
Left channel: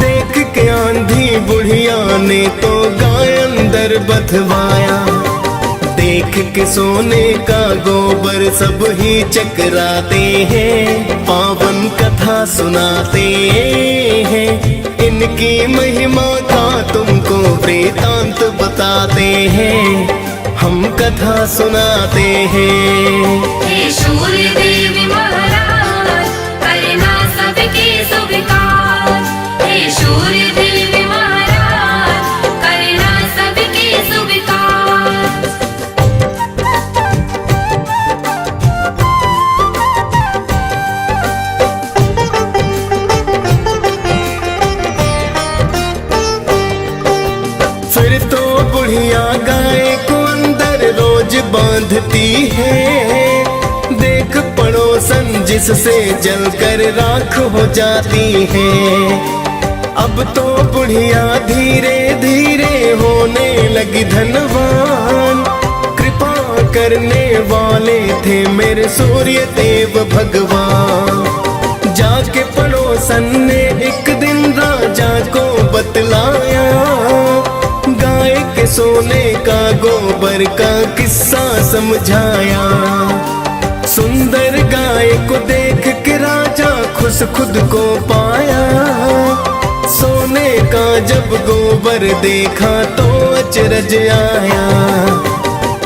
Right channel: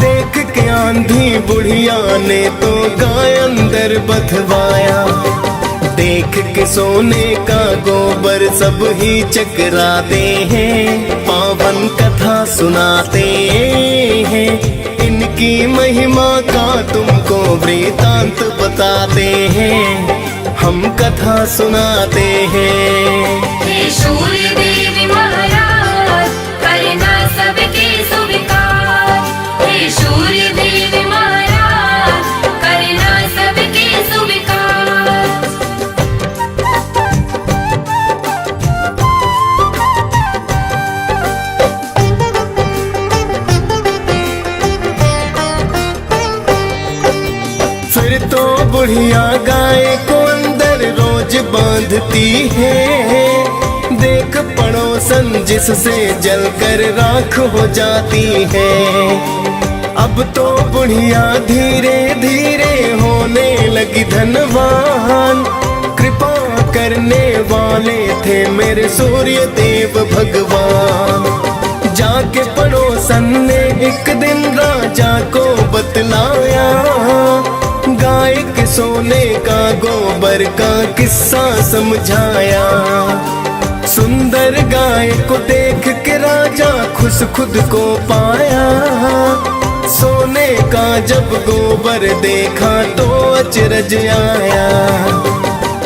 देख के आंधी बुढ़िया ने तो गाय अंदर बधवाया। देख के सोने का गोबर सब ही चकराते हैं, पावन कथा सुनाते हैं। इनकी महिमा का तुमको वृतांत बताते हैं, हम कथा सुनाते हैं। हे सूर्य देव महाराज करना सबके स्वीकार। हे सूर्य देव महाराज करना सबके स्वीकार। फिर तो बुढ़िया गाय को अंदर रोज बांधती है। देख पड़ोसन जिससे जलकर राख हो जाती है। अब तो बुढ़िया धीरे धीरे होने लगी धनवान। कृपा करने वाले थे मेरे सूर्य देव भगवान। जाके पड़ोसन ने एक दिन राजा को बतलाया, गाय के सोने का गोबर का किस्सा समझाया। सुंदर गाय को देख के राजा खुश खुद को पाया। सोने का जब गोबर देखा तो अचरज आया।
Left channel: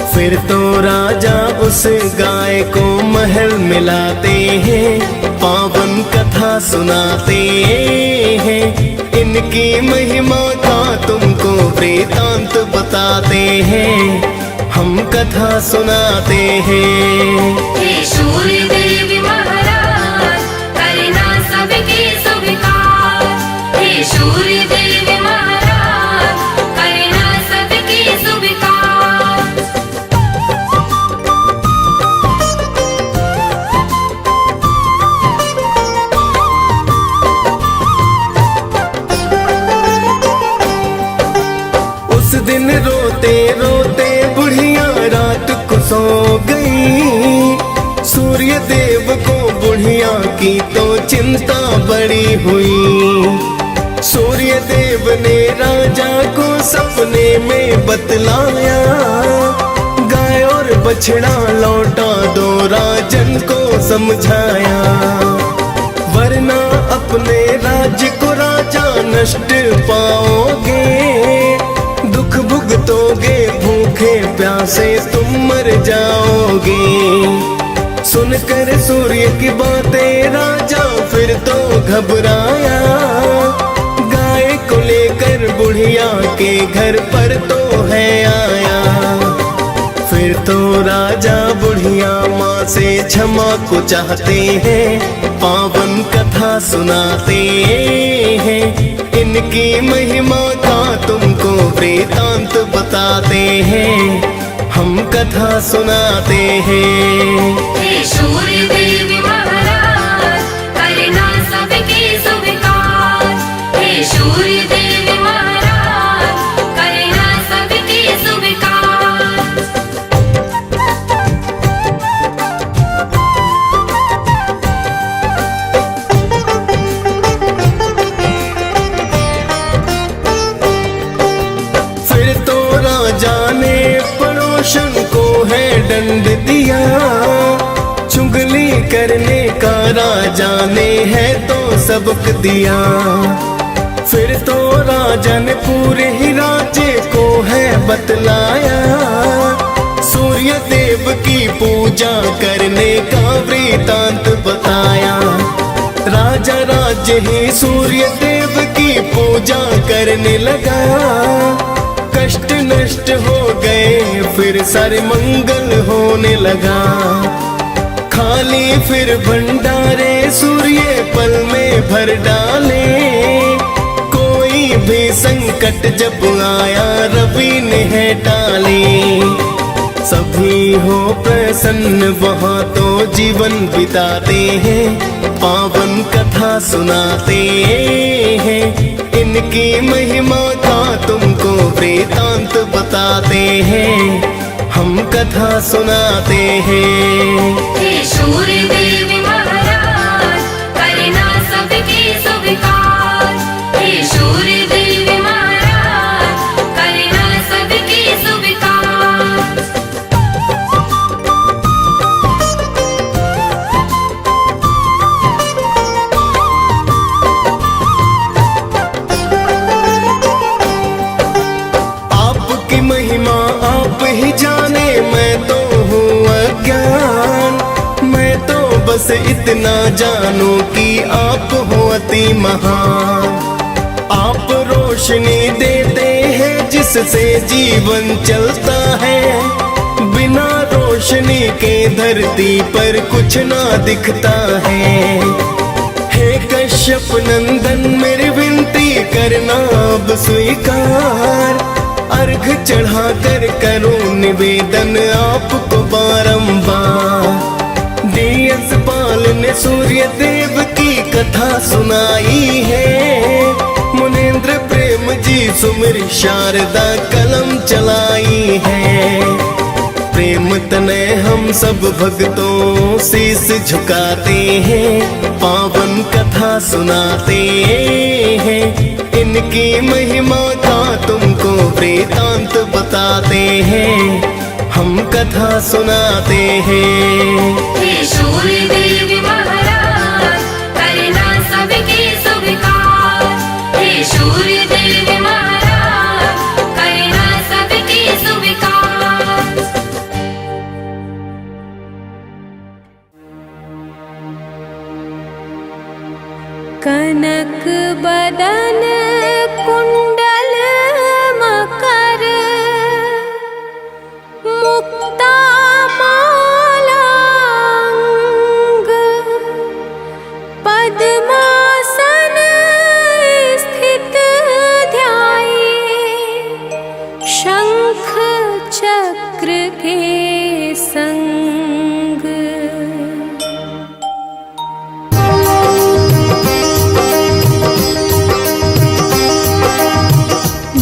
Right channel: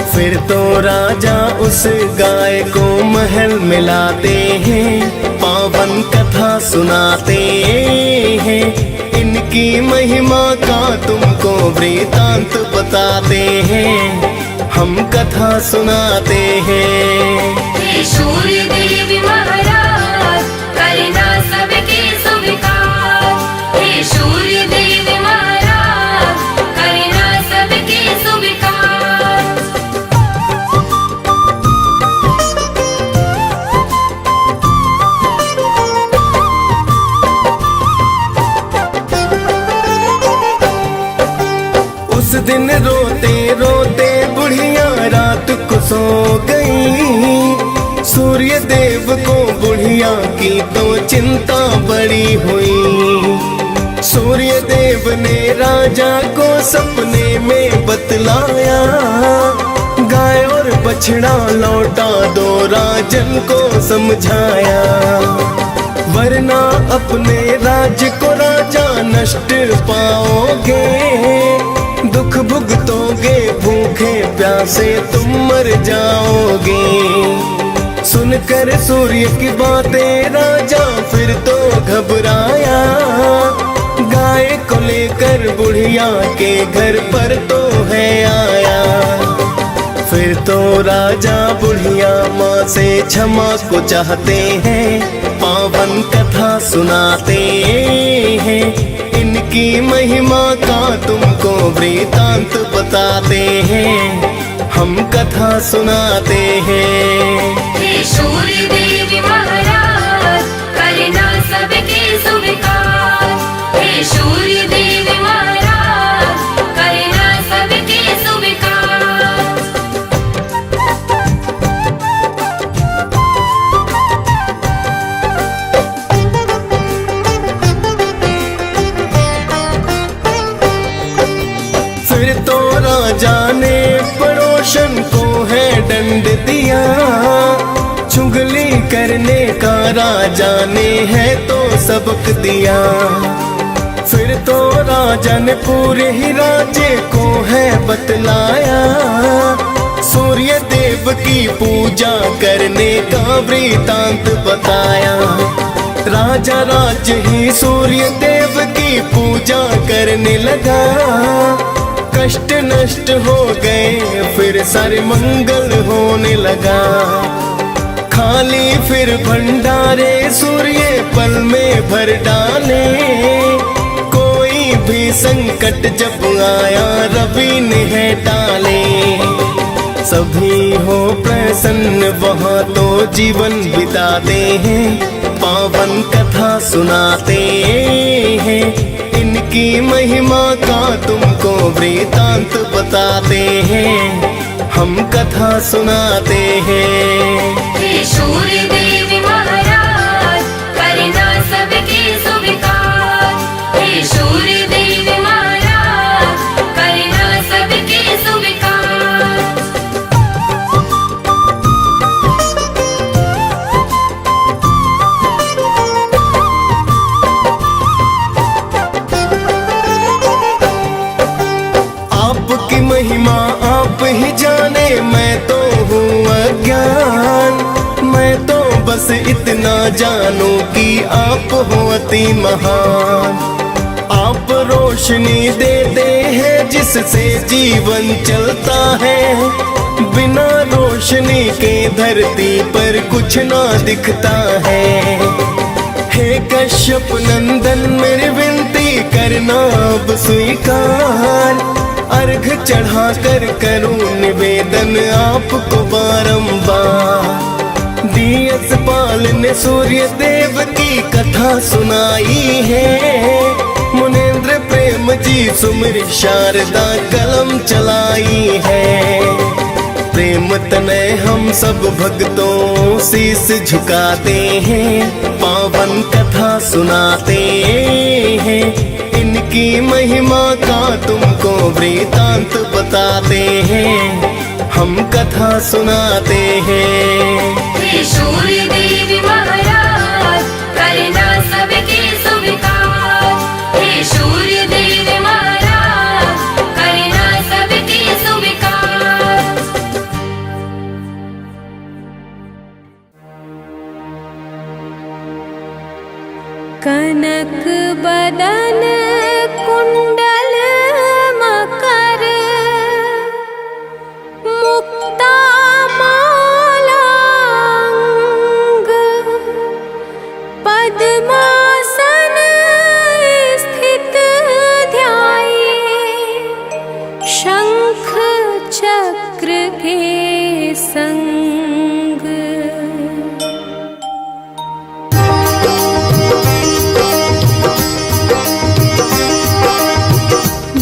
फिर तो राजा उस गाय को महल मिलाते हैं, पावन कथा सुनाते हैं। इनकी महिमा का तुमको वृतांत बताते हैं, हम कथा सुनाते हैं। हे सूर्य देव महाराज करना सबके स्वीकार। हे सूर्य देव महाराज करना सबके स्वीकार। उस दिन रोते रोते बुढ़िया रात को सो गई। सूर्य देव को बुढ़िया की तो चिंता बड़ी हुई। सूर्य देव ने राजा को सपने में बतलाया, गाय और बछड़ा लौटा दो राजन को समझाया। वरना अपने राज्य को राजा नष्ट पाओगे। दुख भुगतोगे, भूखे प्यासे तुम मर जाओगे। सुनकर सूर्य की बातें राजा फिर तो घबराया। गाय को लेकर बुढ़िया के घर पर तो है आया। फिर तो राजा बुढ़िया माँ से क्षमा को चाहते हैं, पावन कथा सुनाते हैं। इनकी महिमा का तुमको वृतांत बताते हैं, हम कथा सुनाते हैं। हे सूर्य देव महाराज करना सबके स्वीकार। हे सूर्य देव महाराज करना सबके स्वीकार। रोशन को है दंड दिया, चुगली करने का राजा ने है तो सबक दिया। फिर तो राजा ने पूरे ही राज्य को है बतलाया, सूर्य देव की पूजा करने का वृतांत बताया। राजा राज्य ही सूर्य देव की पूजा करने लगा, कष्ट नष्ट हो गए फिर सारे मंगल होने लगा। खाली फिर भंडारे सूर्य पल में भर डाले, कोई भी संकट जब आया रवि ने है टाले। सभी हो प्रसन्न वहाँ तो जीवन बिताते हैं, पावन कथा सुनाते हैं, इनकी महिमा का तुमको वृतांत बताते हैं, हम कथा सुनाते हैं। हे सूर्य देव महाराज करना सबके स्वीकार, हे सूर्य देव महाराज करना सबके स्वीकार। आपकी महिमा आप ही जाने, मैं तो हूँ अज्ञान। मैं तो बस इतना जानूं कि आप हो अति महान। आप रोशनी देते हैं जिससे जीवन चलता है, बिना रोशनी के धरती पर कुछ ना दिखता है। हे कश्यप नंदन मेरी विनती करना अब स्वीकार, अर्घ चढ़ा कर करूं निवेदन आपको बारंबार। दियस पाल ने सूर्य देव की कथा सुनाई है, मुनेन्द्र प्रेम जी सुमिर शारदा कलम चलाई है। प्रेम तनय हम सब भक्तों शीस झुकाते हैं, पावन कथा सुनाते हैं, इनकी महिमा का तुमको वृतांत बताते हैं, हम कथा सुनाते हैं। हे सूर्य देव महाराज करना सबके स्वीकार, हे सूर्य देव महाराज करना सबके स्वीकार। कनक बदन कुंडल मकर, मुक्ता माला अंग, पद्मासन स्थित ध्याये, शंख चक्र के संग।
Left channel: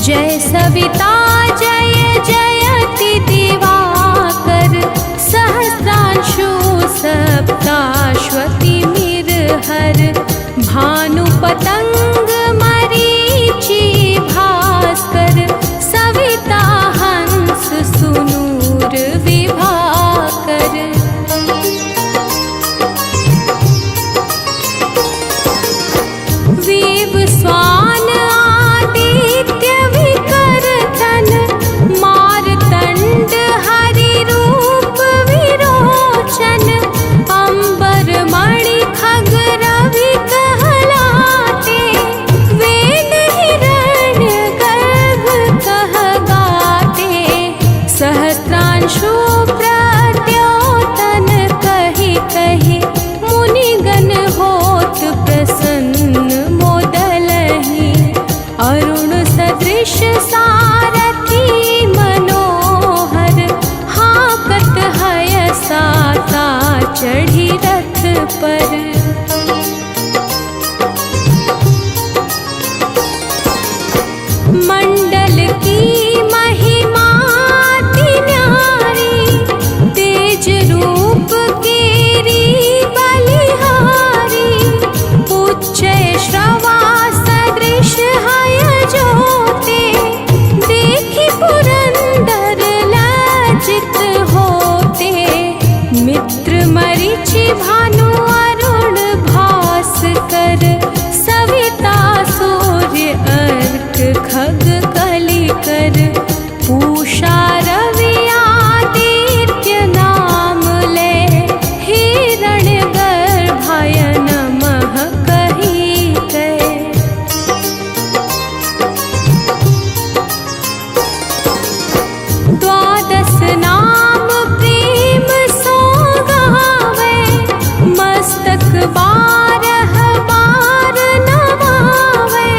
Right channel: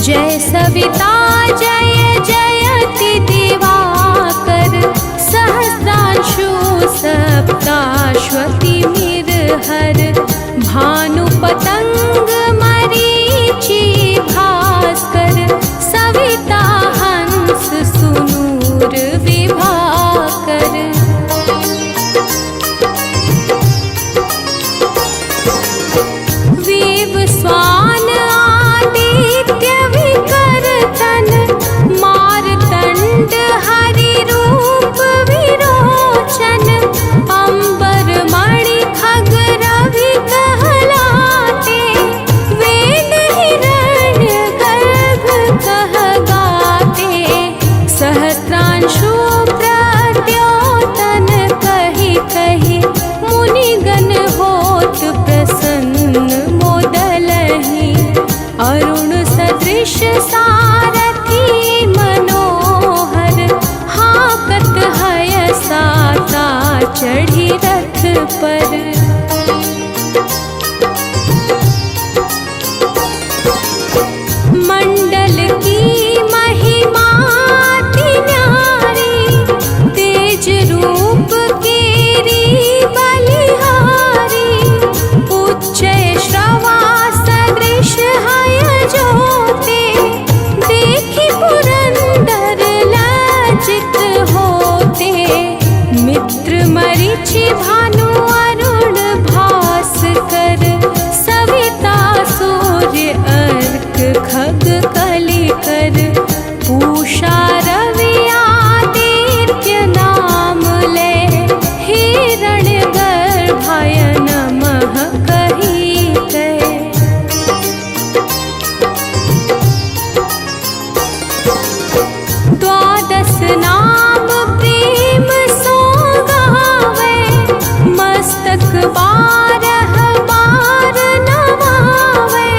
जय सविता जय जयति दिवाकर, सहस्रांशु सप्ताश्वति मिरहर, भानु पतंग मरीचि भास्कर, सविता हंस सुनूर विभाकर। विव स्वान आदित्य विकर्तन, मारतंड हरि रूप विरोचन, अंबर मणि खग रवि कहलाते, वेद हिरण्य गर्भ कह गाते, सहस्त्रांशु प्रद्योतन कहि कहि, मुनिगण होत प्रसन्न मोदलहि, अरुण सदृश सारथी मनोहर, हाकत हय साता चढ़ी रथ पर। मंडल की महिमा अति न्यारी, तेज रूप केरी बलिहारी, उच्च श्रवा सदृश हय ज्योते, देखी पुरंदर लाज मरीचि भानु अरुण भास्कर सविता सूर्य अर्क खग कलिकर पूषा रवि आदित्य नाम ले हिरण्य गर्भाय नमः कही कहे। द्वादश नाम प्रेम सो गावे मस्तक बारह बार नवावे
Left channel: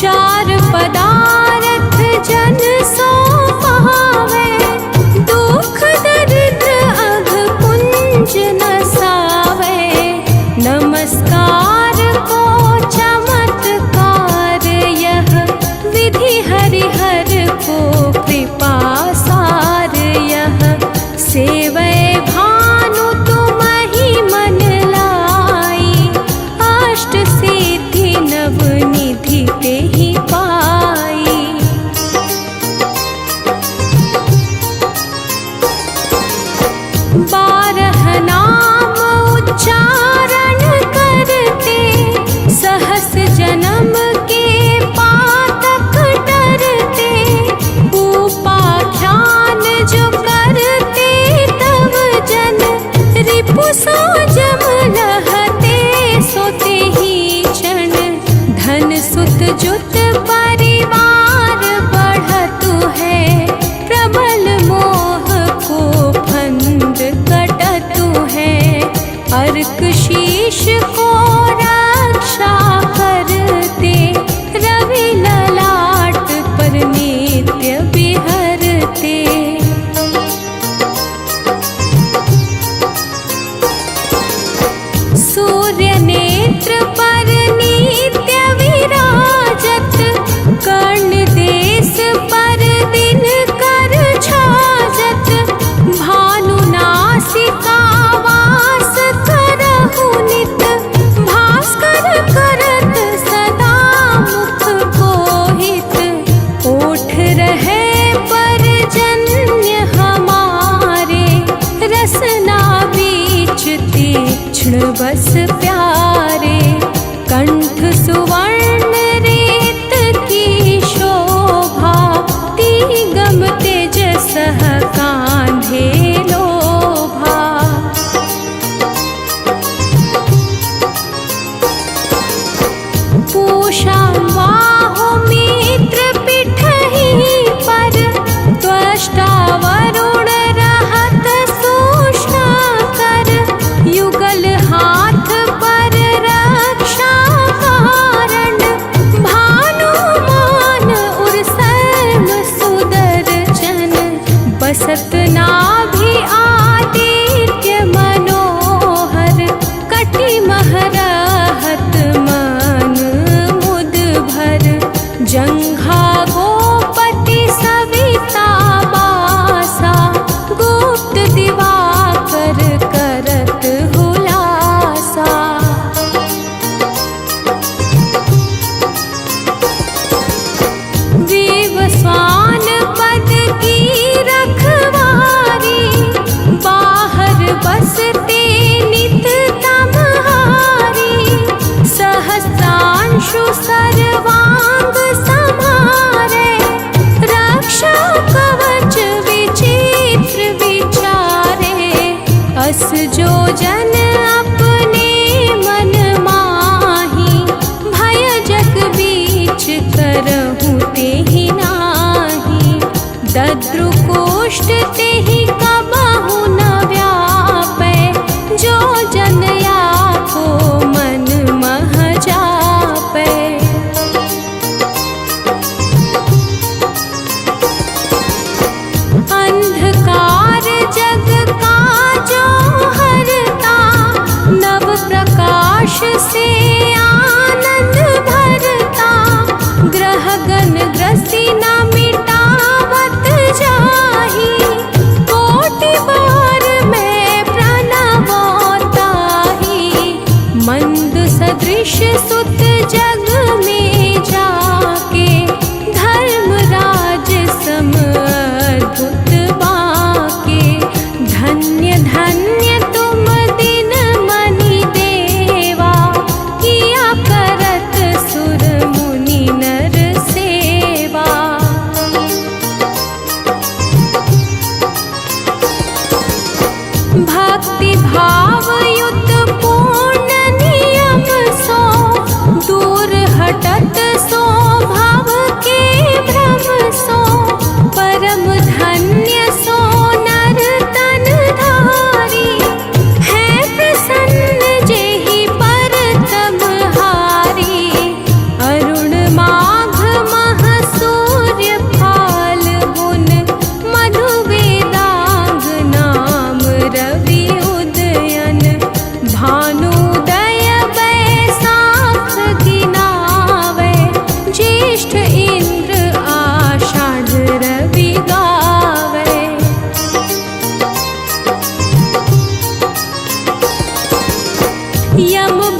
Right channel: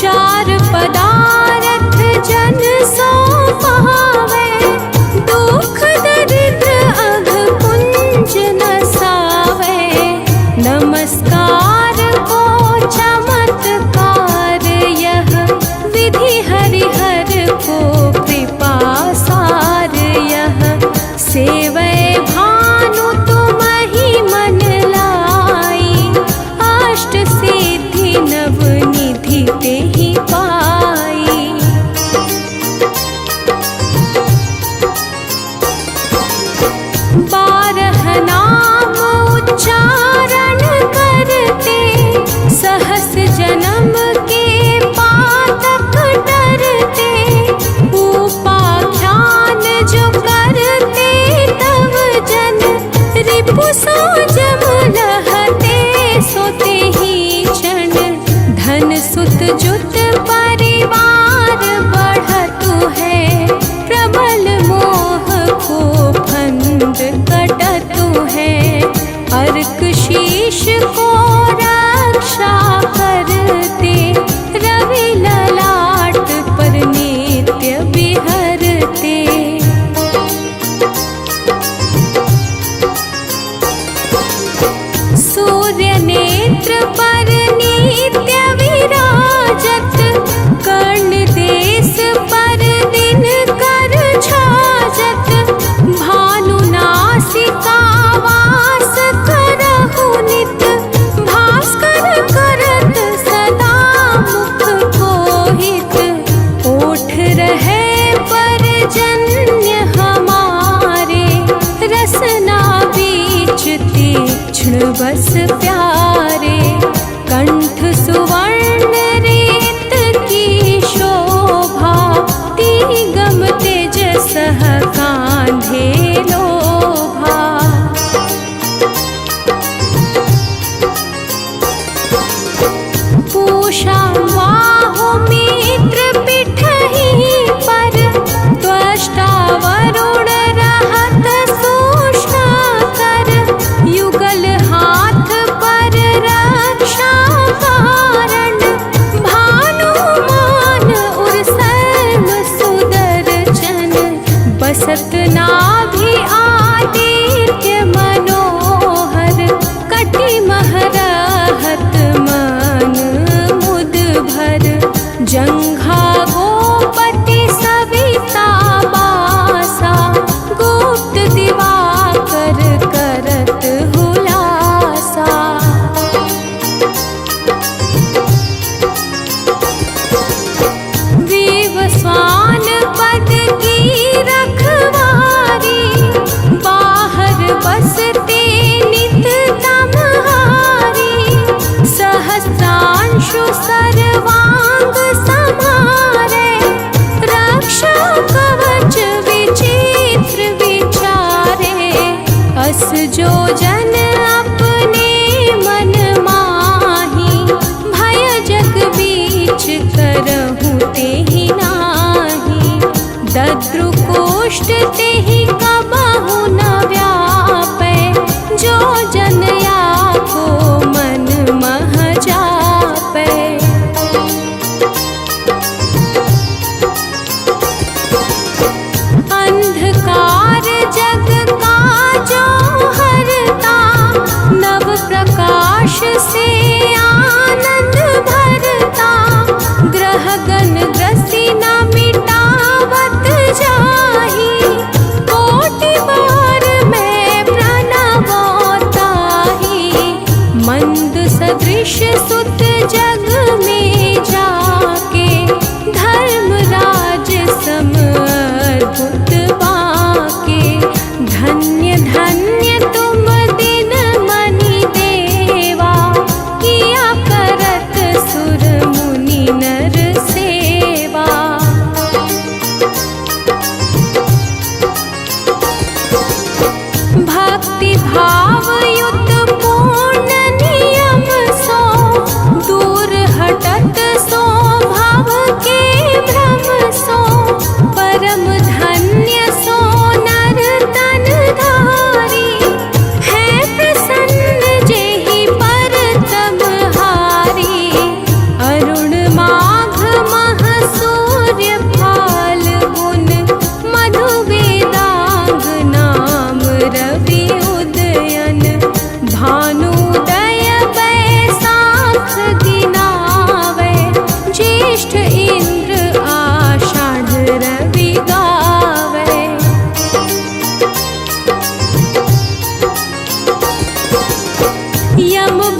चार पदारथ जन सो पावे दुख दरिद्र अघ पुंज नसावे नमस्कार को चमत्कार यह विधि हरिहर को कृपा सार यह सेवै भानु तुम ही मन लाई अष्ट सिद्धि नव निधि ते ही पाई। बारह नाम उच्चारण करते सहस जन्म के पातक डरते उपाख्यान जो करते तव जन रिपु सो जम लहते सोते ही क्षण धन सुत जुत परिवार बढ़तु है प्रबल मोह को फंद कटतु है अर्क शीश को रक्षा करते रवि ललाट पर नित्य बिहरते। सूर्य नेत्र पर नित्य विराजत कर्ण देश पर दिन कर छाजत भानु नासिका वास करहु नित भास्कर करत सदा मुख कोहित ओठ रहे पर जन्य हमारे रसना बीच तीक्ष्ण बस प्यारे कंठ सुवर्ण रेत की शोभा तिगम तेज सह कांधे लोभा। पूषा बाहु मित्र पिठहि पर त्वष्टा वरुण रहत सूक्ष्म कर युगल हाथ पर रक्षा कारण भानुमान उर सर्व सुदर्शन बसत नाभि आदित्य मनोहर कटि महरहत मन मुद भर जंघा गोपति सविता बासा गुप्त दिवाकर करत हुलासा। विवस्वान पद की रखवारी बाहर बसते नित तमहारी सहस्रांशु सर्वांग समारे रक्षा कवच विचित्र विचारे अस जो जन अपने मन माही भय जग बीच करहु तेहि नाही दद्रुकोष्ठ तेहि कबहु न व्यापै जो जनया को मन मह जापै। अंधकार जग का जो हरता नव प्रकाश से आनंद भरता ग्रह गण ग्रसी न मिटावत जाही कोटि बार में प्रणवताही मंद सदृश सुत जग में जाके धर्मराज सम अद्भुत बाके धन्य धन्य तुम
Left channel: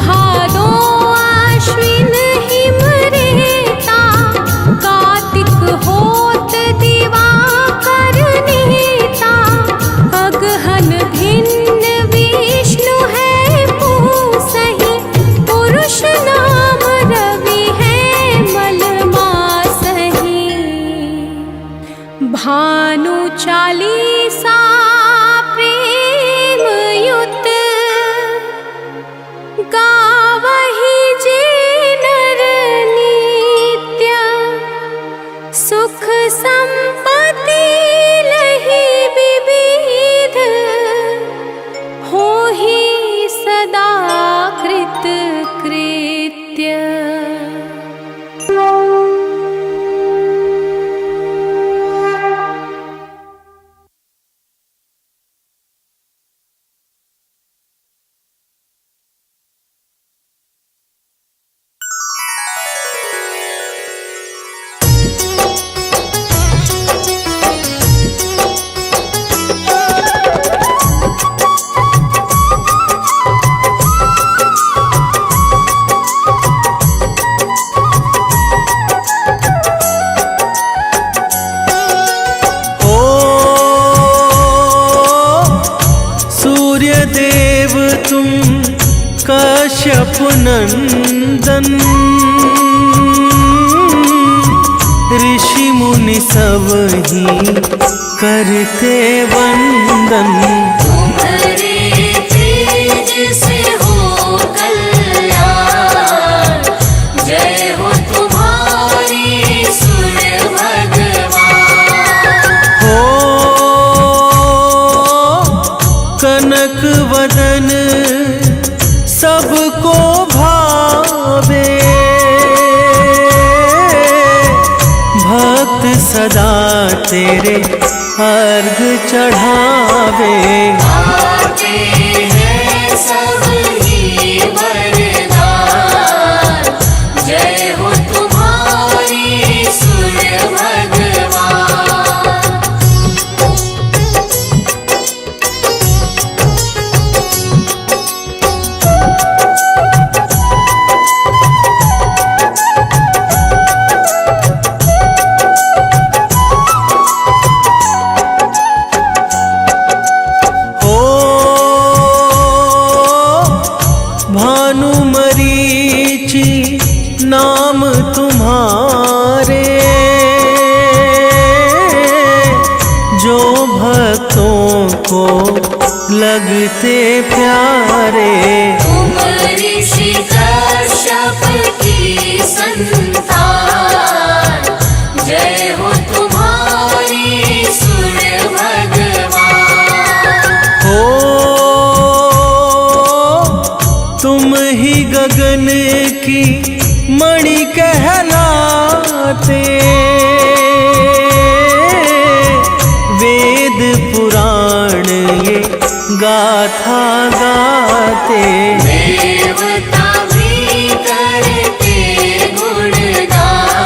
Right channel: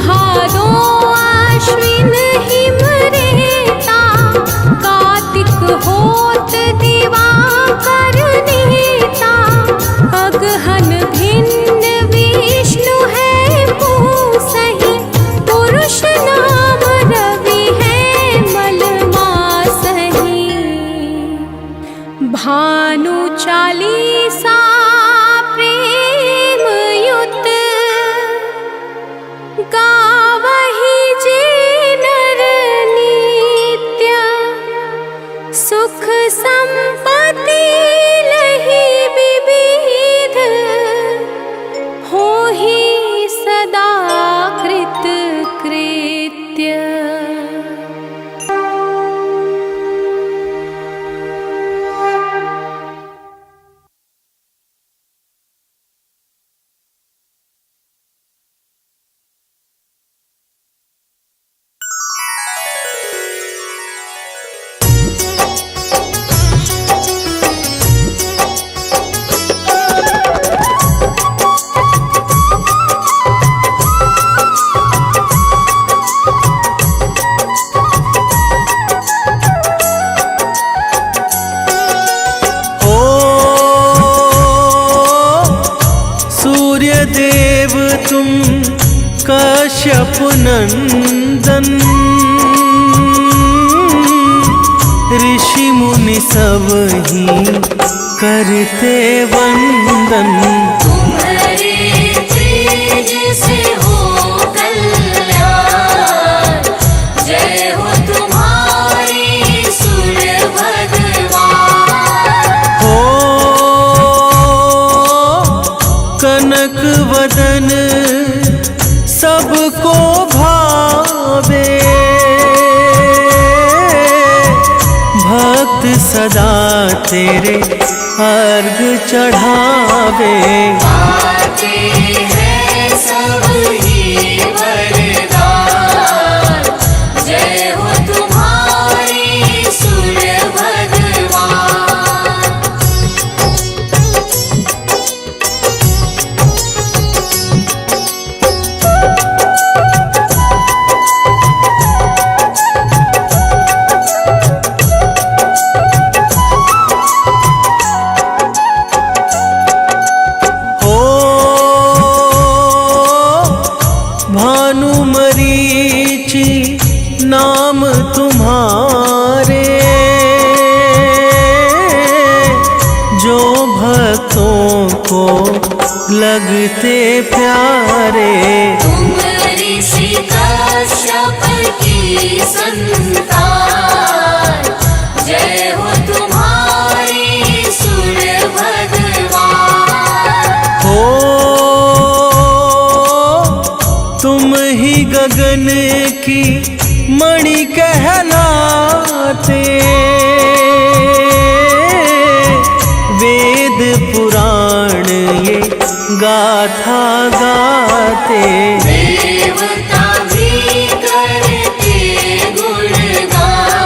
भादो आश्विन हिम रेता, कार्तिक होत दिवाकर नीता, अगहन भिन्न विष्णु है पूसहि, पुरुष नाम रवि है मलमासहि। भानु चालीसा प्रेम युत, गावहि जे नर नित्य, सुख संपत्ति लहि विविध, होहि सदा कृत कृत्य। सूर्यदेव तुम कश्यप नंदन, ऋषि मुनि सब ही करते वंदन। तुम्हारे तेज से हो कल्याण, जय हो तुम्हारी सूर्य भगवान। हो कनक वदन सबको भावे, भक्त सदा तेरे अर्घ चढ़ावे। आते हैं सब ही वरदान, जय हो तुम्हारी सूर्य भगवान। हो भानु मरीचि नाम तुम्हारे, जो भक्तों को लगते प्यारे। तुम ऋषि कश्यप की संतान, जय हो तुम्हारी सूर्य भगवान। हो तुम ही गगन की मणि कहलाते, वेद पुराण ये गाथा गाते। देवता भी करते गुणगान,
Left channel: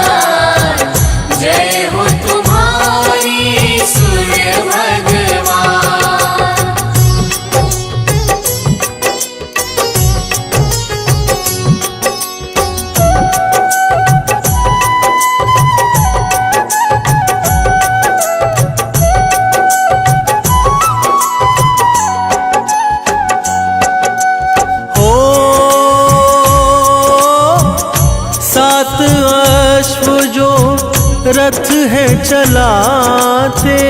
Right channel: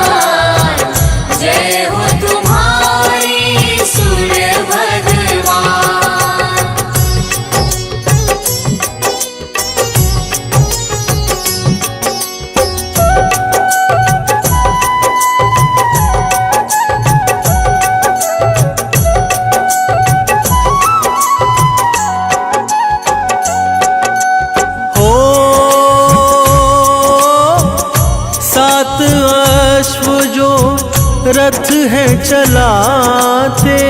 जय हो तुम्हारी सूर्य भगवान। हो सात अश्व जो रथ है चलाते,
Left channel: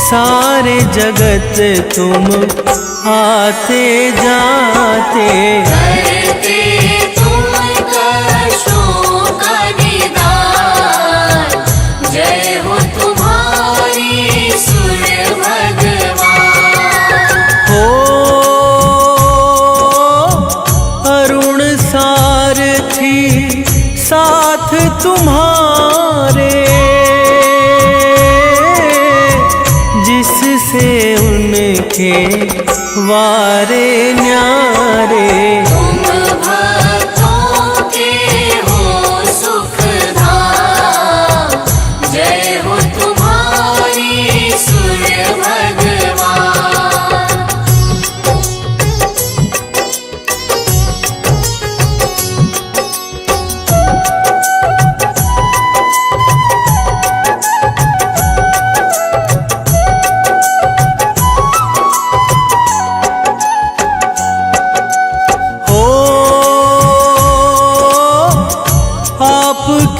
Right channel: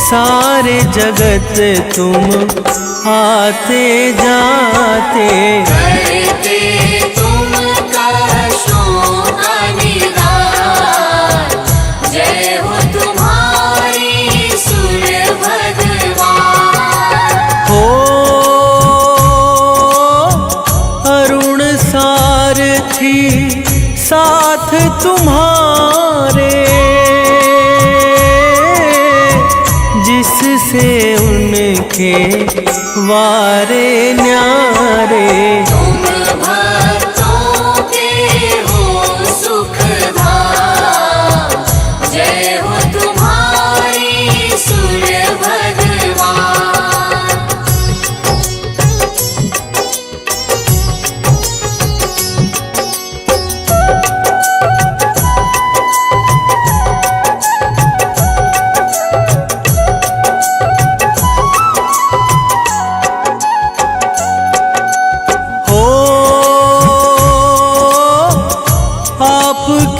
सारे जगत तुम आते जाते। करते तुम कष्टों का निदान, जय हो तुम्हारी सूर्य भगवान। हो अरुण सारथी साथ तुम्हारे, जिससे उनके वारे न्यारे। तुम भक्तों के हो सुखधाम, जय हो तुम्हारी सूर्य भगवान।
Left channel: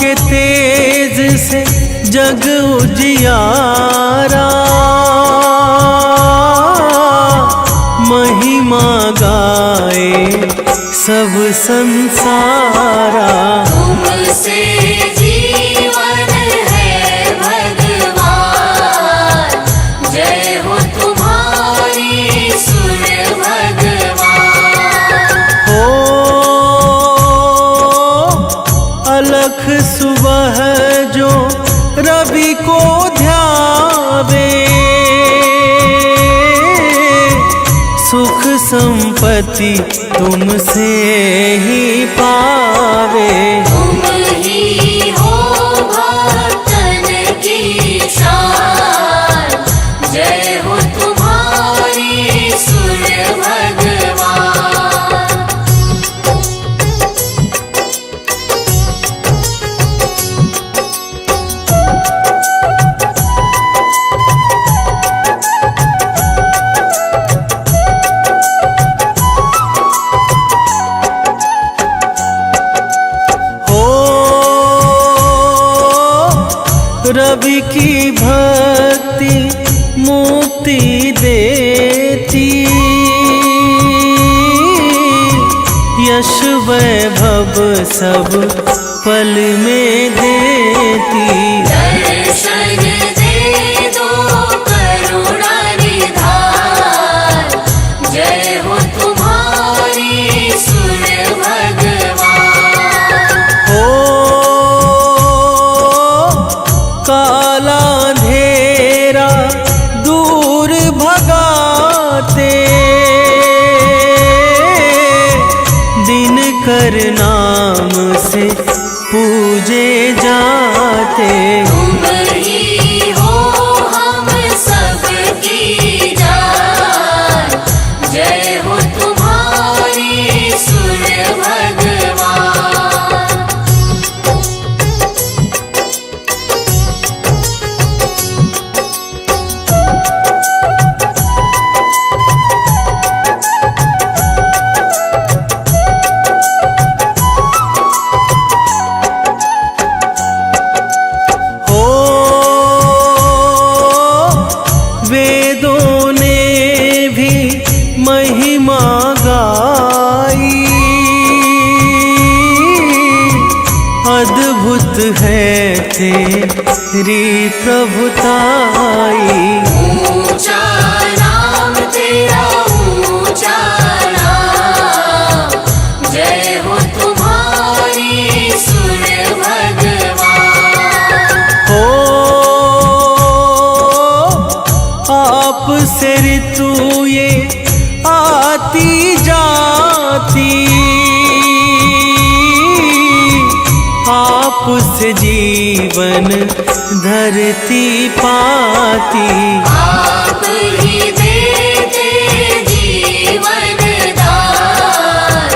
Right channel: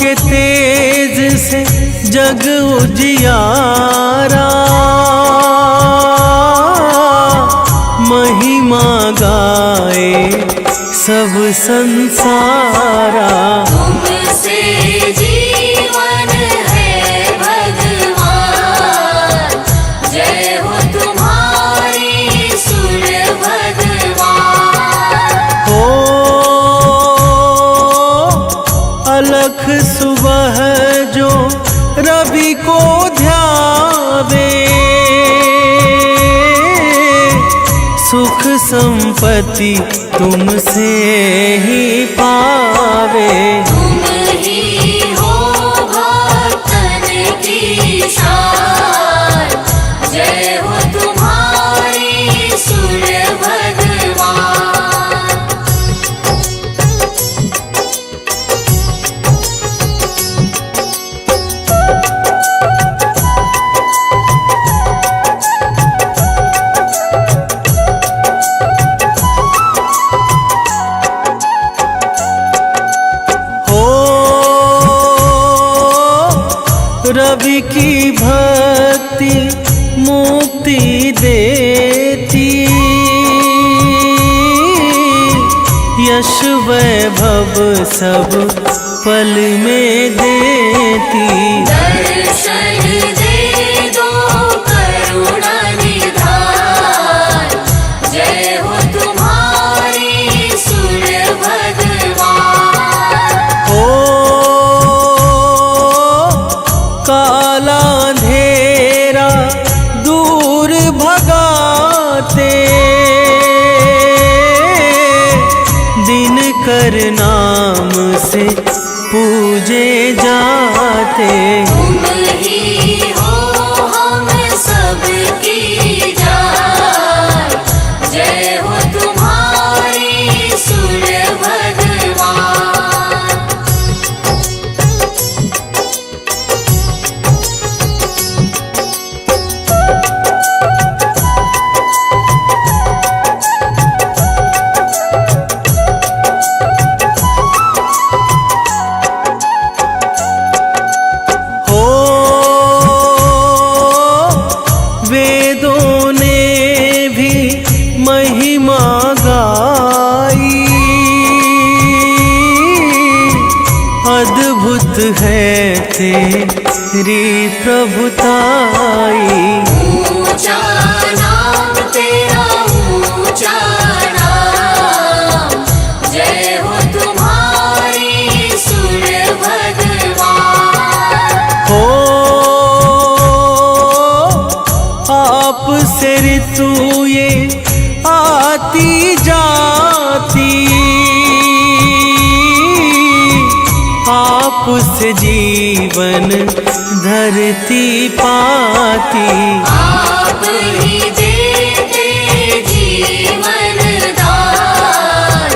के तेज से जग उजियारा, महिमा गाए सब संसारा। तुमसे जीवन है भगवान, जय हो तुम्हारी सूर्य भगवान। हो अलख सुबह जो रवि को ध्यावे, सुख संपत्ति तुमसे ही पावे। तुम ही हो भक्तन की शान, जय हो तुम्हारी सूर्य भगवान। हो रवि की भक्ति मुक्ति देती, यश वैभव सब पल में देती। दर्शन दे दो करुणा निधान, जय हो तुम्हारी सूर्य भगवान। हो काला अंधेरा दूर भगाते, दिन कर नाम से पूजे जाते। तुम ही हो हम सबकी जान, जय हो तुम्हारी सूर्य भगवान। हो वेदों ने भी महिमा गाई, अद्भुत है तेरी प्रभुताई। ऊंचा नाम तेरा ऊंचा नाम, जय हो तुम्हारी सूर्य भगवान। हो आप से ऋतु ये आती जाती, आप से जीवन धरती पाती। आप ही देते जीवन दान,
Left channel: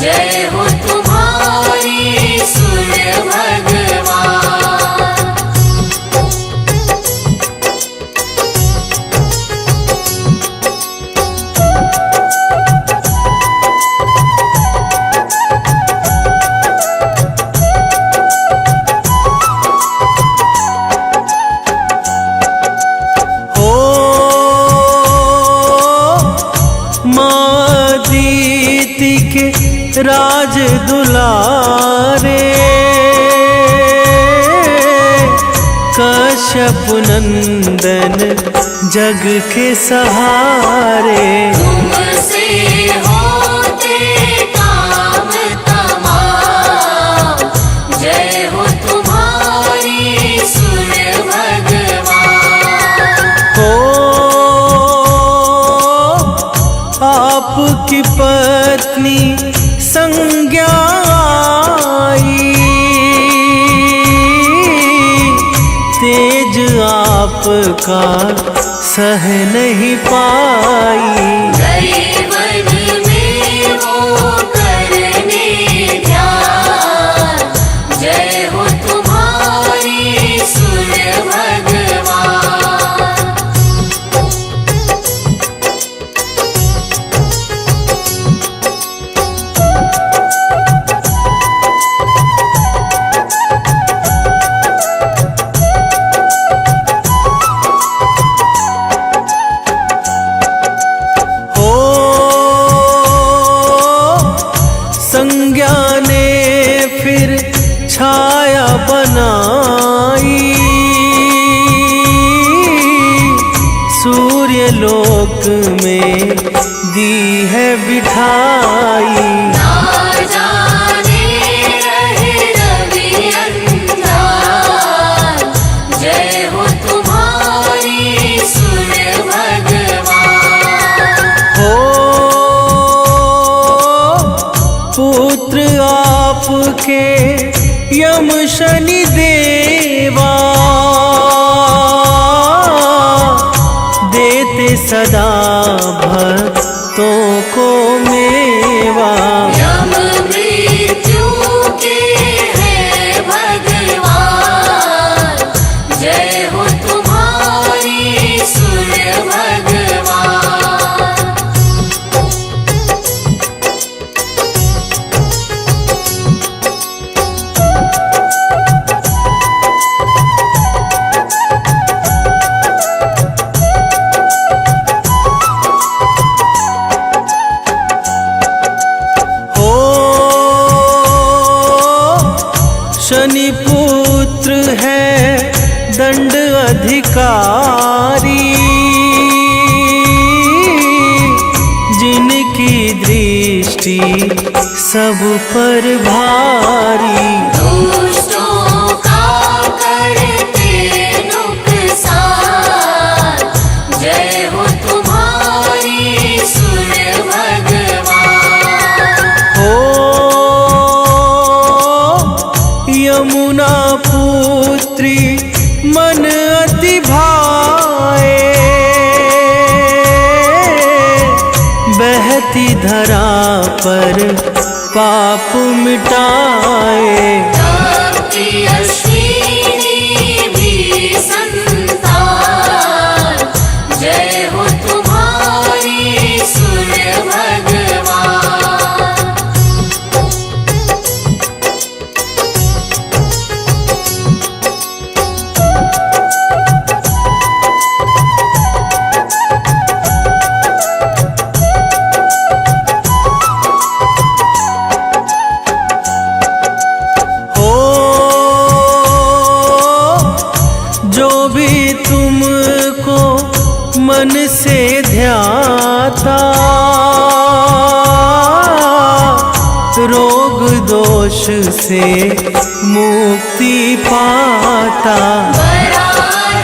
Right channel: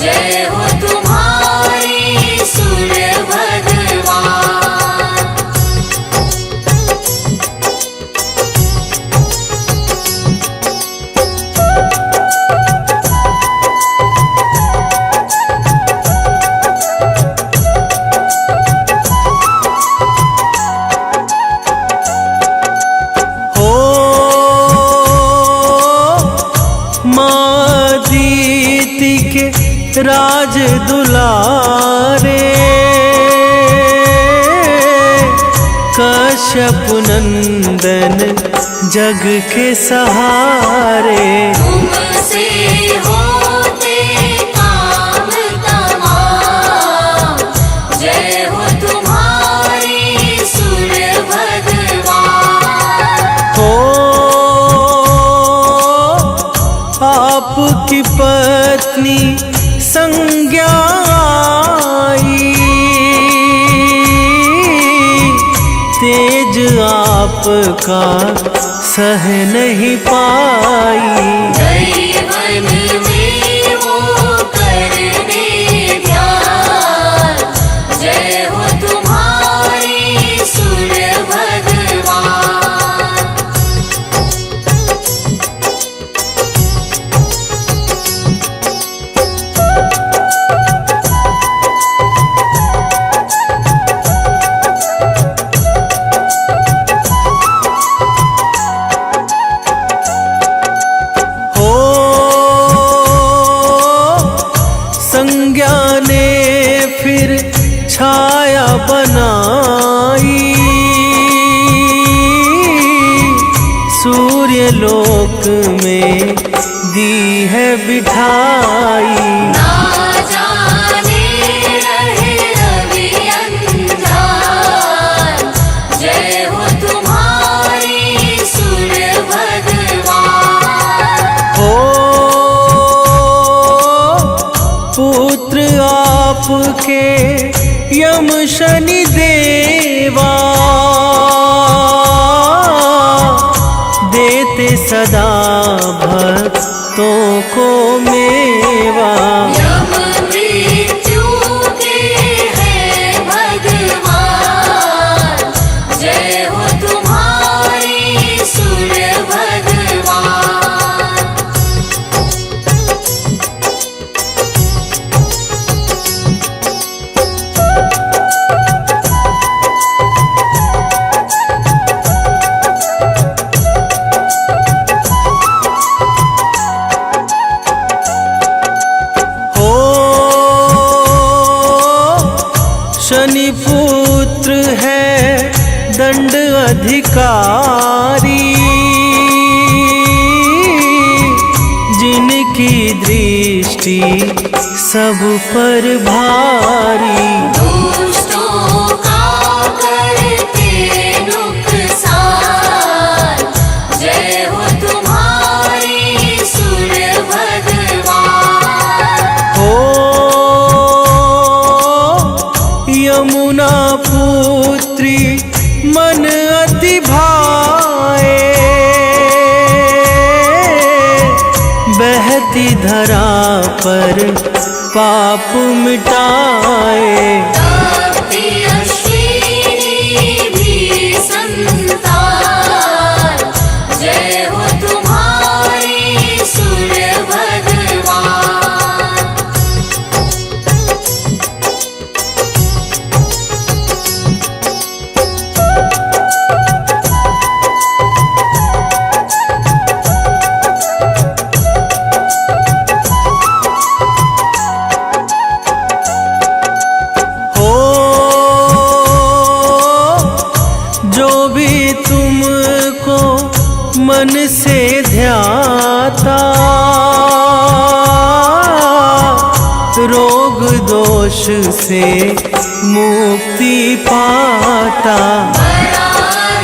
जय हो तुम्हारी सूर्य भगवान। हो माँ दीति के राज दुलारे, कश्यप नंदन जग के सहारे। तुमसे होते काम तमाम, जय हो तुम्हारी सूर्य भगवान। हो आपकी पत्नी संज्ञा आई, तेज आपका सह नहीं पाई। जीवन में वो करने ध्यान, जय हो तुम्हारी सूर्य भगवान। लोक में दी है बिठाई। ना जाने रहे रवि अंगार, जय हो तुम्हारी सूर्य भगवान। हो पुत्र आपके यम शनि देवा, देते सदा भक्तों को मेवा। यम मृत्यु के हैं भगवान, जय हो तुम्हारी सूर्य भगवान। हो शनि पुत्र है दंड अधिकारी, जिनकी दृष्टि सब पर भारी। दुष्टों का करते नुकसान, जय हो तुम्हारी सूर्य भगवान। हो यमुना पुत्री मन अति भाए, बहती धरा पर पाप मिटाए। भक्ति अश्विनी भी संतान, जय हो तुम्हारी सूर्य भगवान। हो जो भी तुमको मन से ध्याता, रोग दोष से मुक्ति पाता। बड़ा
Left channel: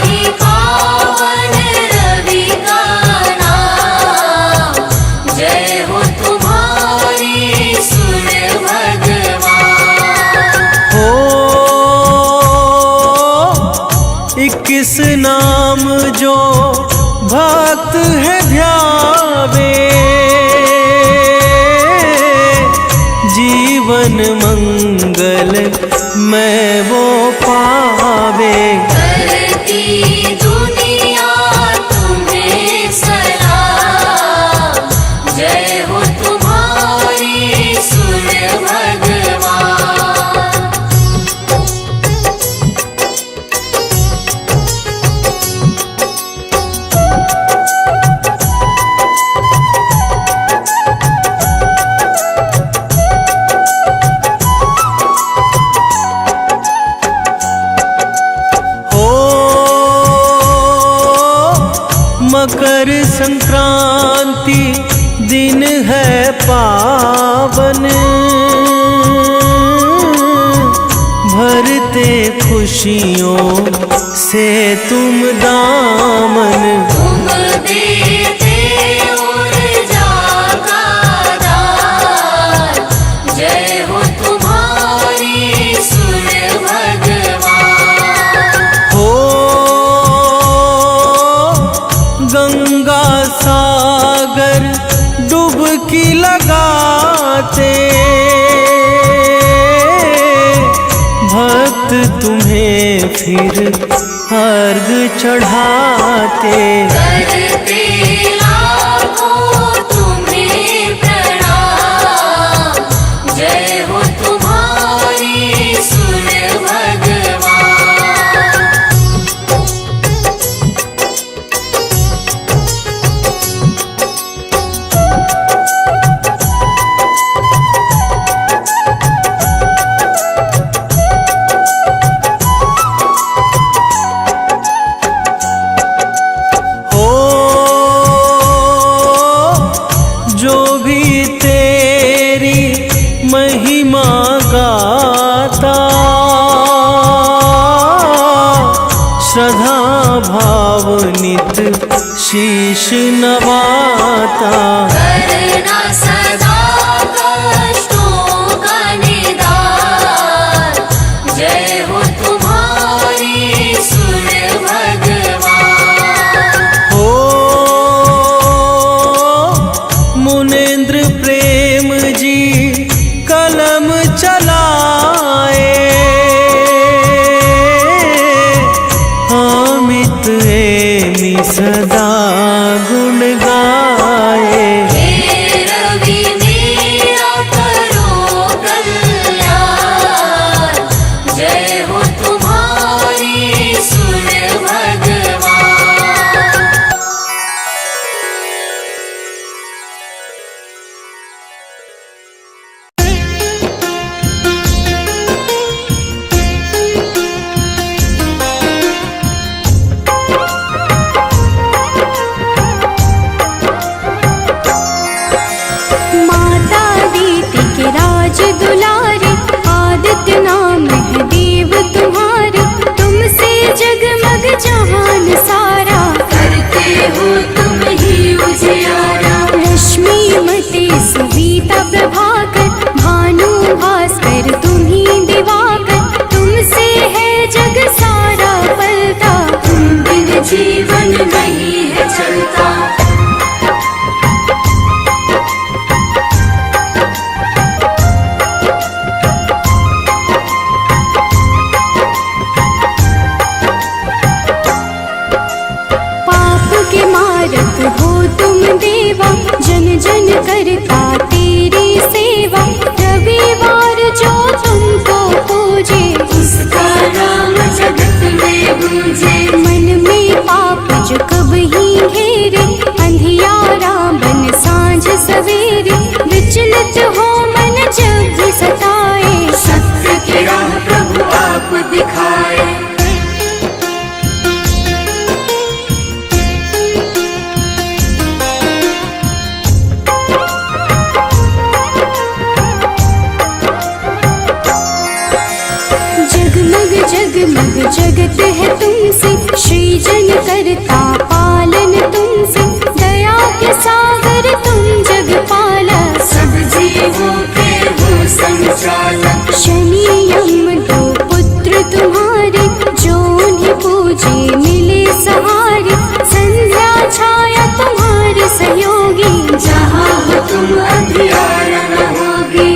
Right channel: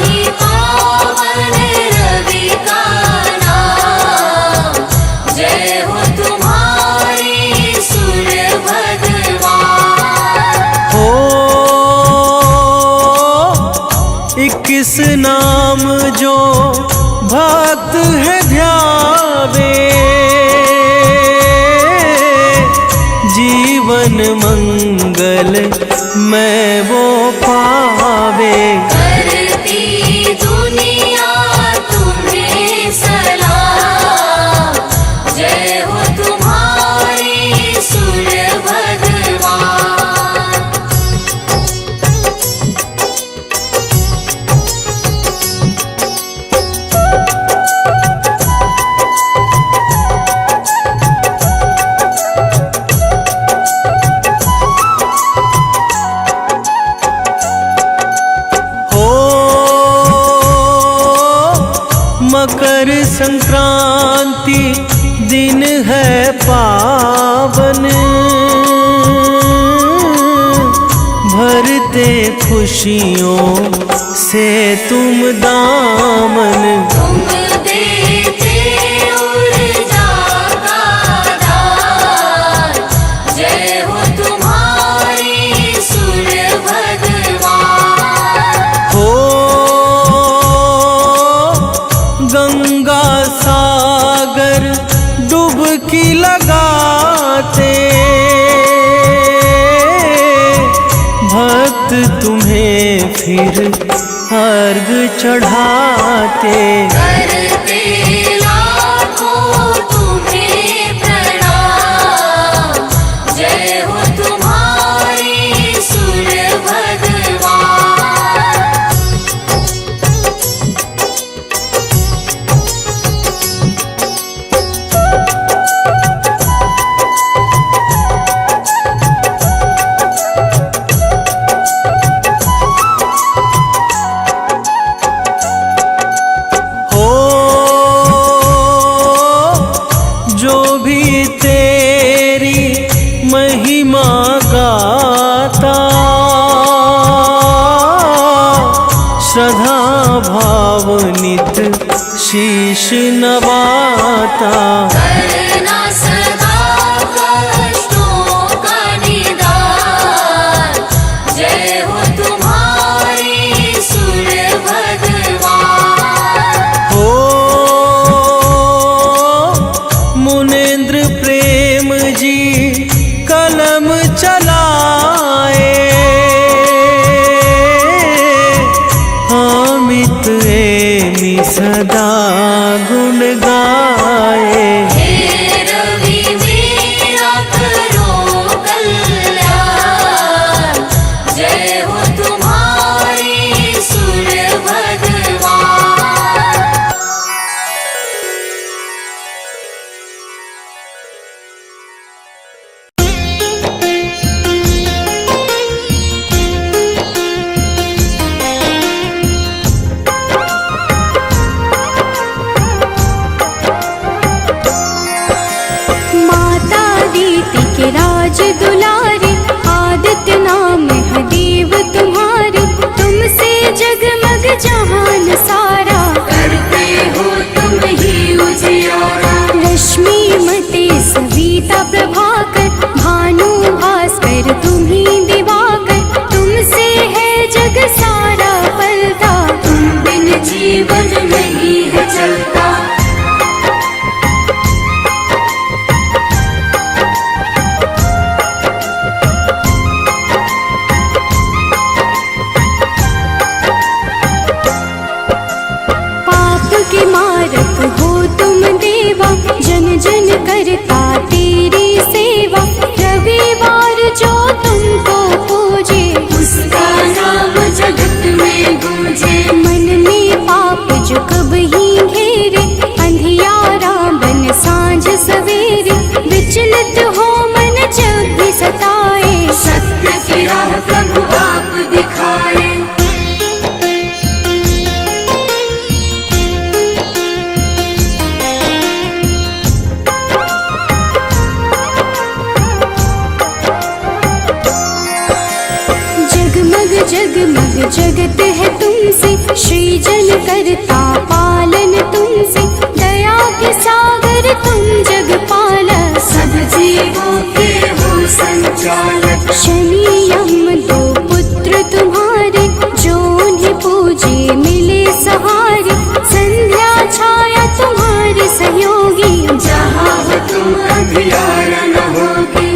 ही पावन रवि का नाम, जय हो तुम्हारी सूर्य भगवान। हो 21 नाम जो भक्त है ध्यावे, जीवन मंगल मैं वो पावे। करती दुनिया तुम्हें सलाम, जय हो तुम्हारी सूर्य भगवान। हो मकर संक्रांति दिन है पावन, भरते खुशियों से तुम दामन। तुम देते ऊर्जा का दान, जय हो तुम्हारी सूर्य भगवान। हो गंगा सागर डुबकी लगाते, भक्त तुम्हें फिर अर्घ चढ़ाते। करते लाखों तुम्हें प्रणाम, जय हो तुम्हारी सूर्य भगवान। हो शीश नवाता। करना सदा कष्टों का निदान, जय हो तुम्हारी सूर्य भगवान। हो मुनेन्द्र प्रेम जी कलम चलाए, अमित एमि सदा गुण गाए। हे रवि मेरा करो कल्याण, जय हो तुम्हारी सूर्य भगवान। माता दीति के राज दुलारे, आदित्य नाम है देव तुम्हारे। तुमसे जगमग जहान सारा, करते हो तुम ही उजियारा। रश्मि मते सविता प्रभाकर, भानु भास्कर तुम ही दिवाकर। तुमसे है जग सारा पलता, तुम बिन जीवन नहीं है चलता। पाप के मारक हो तुम देवा, जन जन करता तेरी सेवा। रविवार जो तुमको पूजे, उसका नाम जगत में गूंजे। मन में पाप जो कब ही घेरे, अंधियारा बन सांझ सवेरे। विचलित हो मन जब भी सताए, सत्य की राह प्रभु आप दिखाए। जगमग जगमग जगत है तुमसे, सृजन करता पालन तुमसे। दया के सागर तुम जग पालक, सब जीवों के हो संचालक। शनि यम दो पुत्र तुम्हारे, जो उन्हें पूजे मिले सहारे। संध्या छाया तुम्हारे सहयोगी, जहाँ हो तुम अंधियारा न होगी।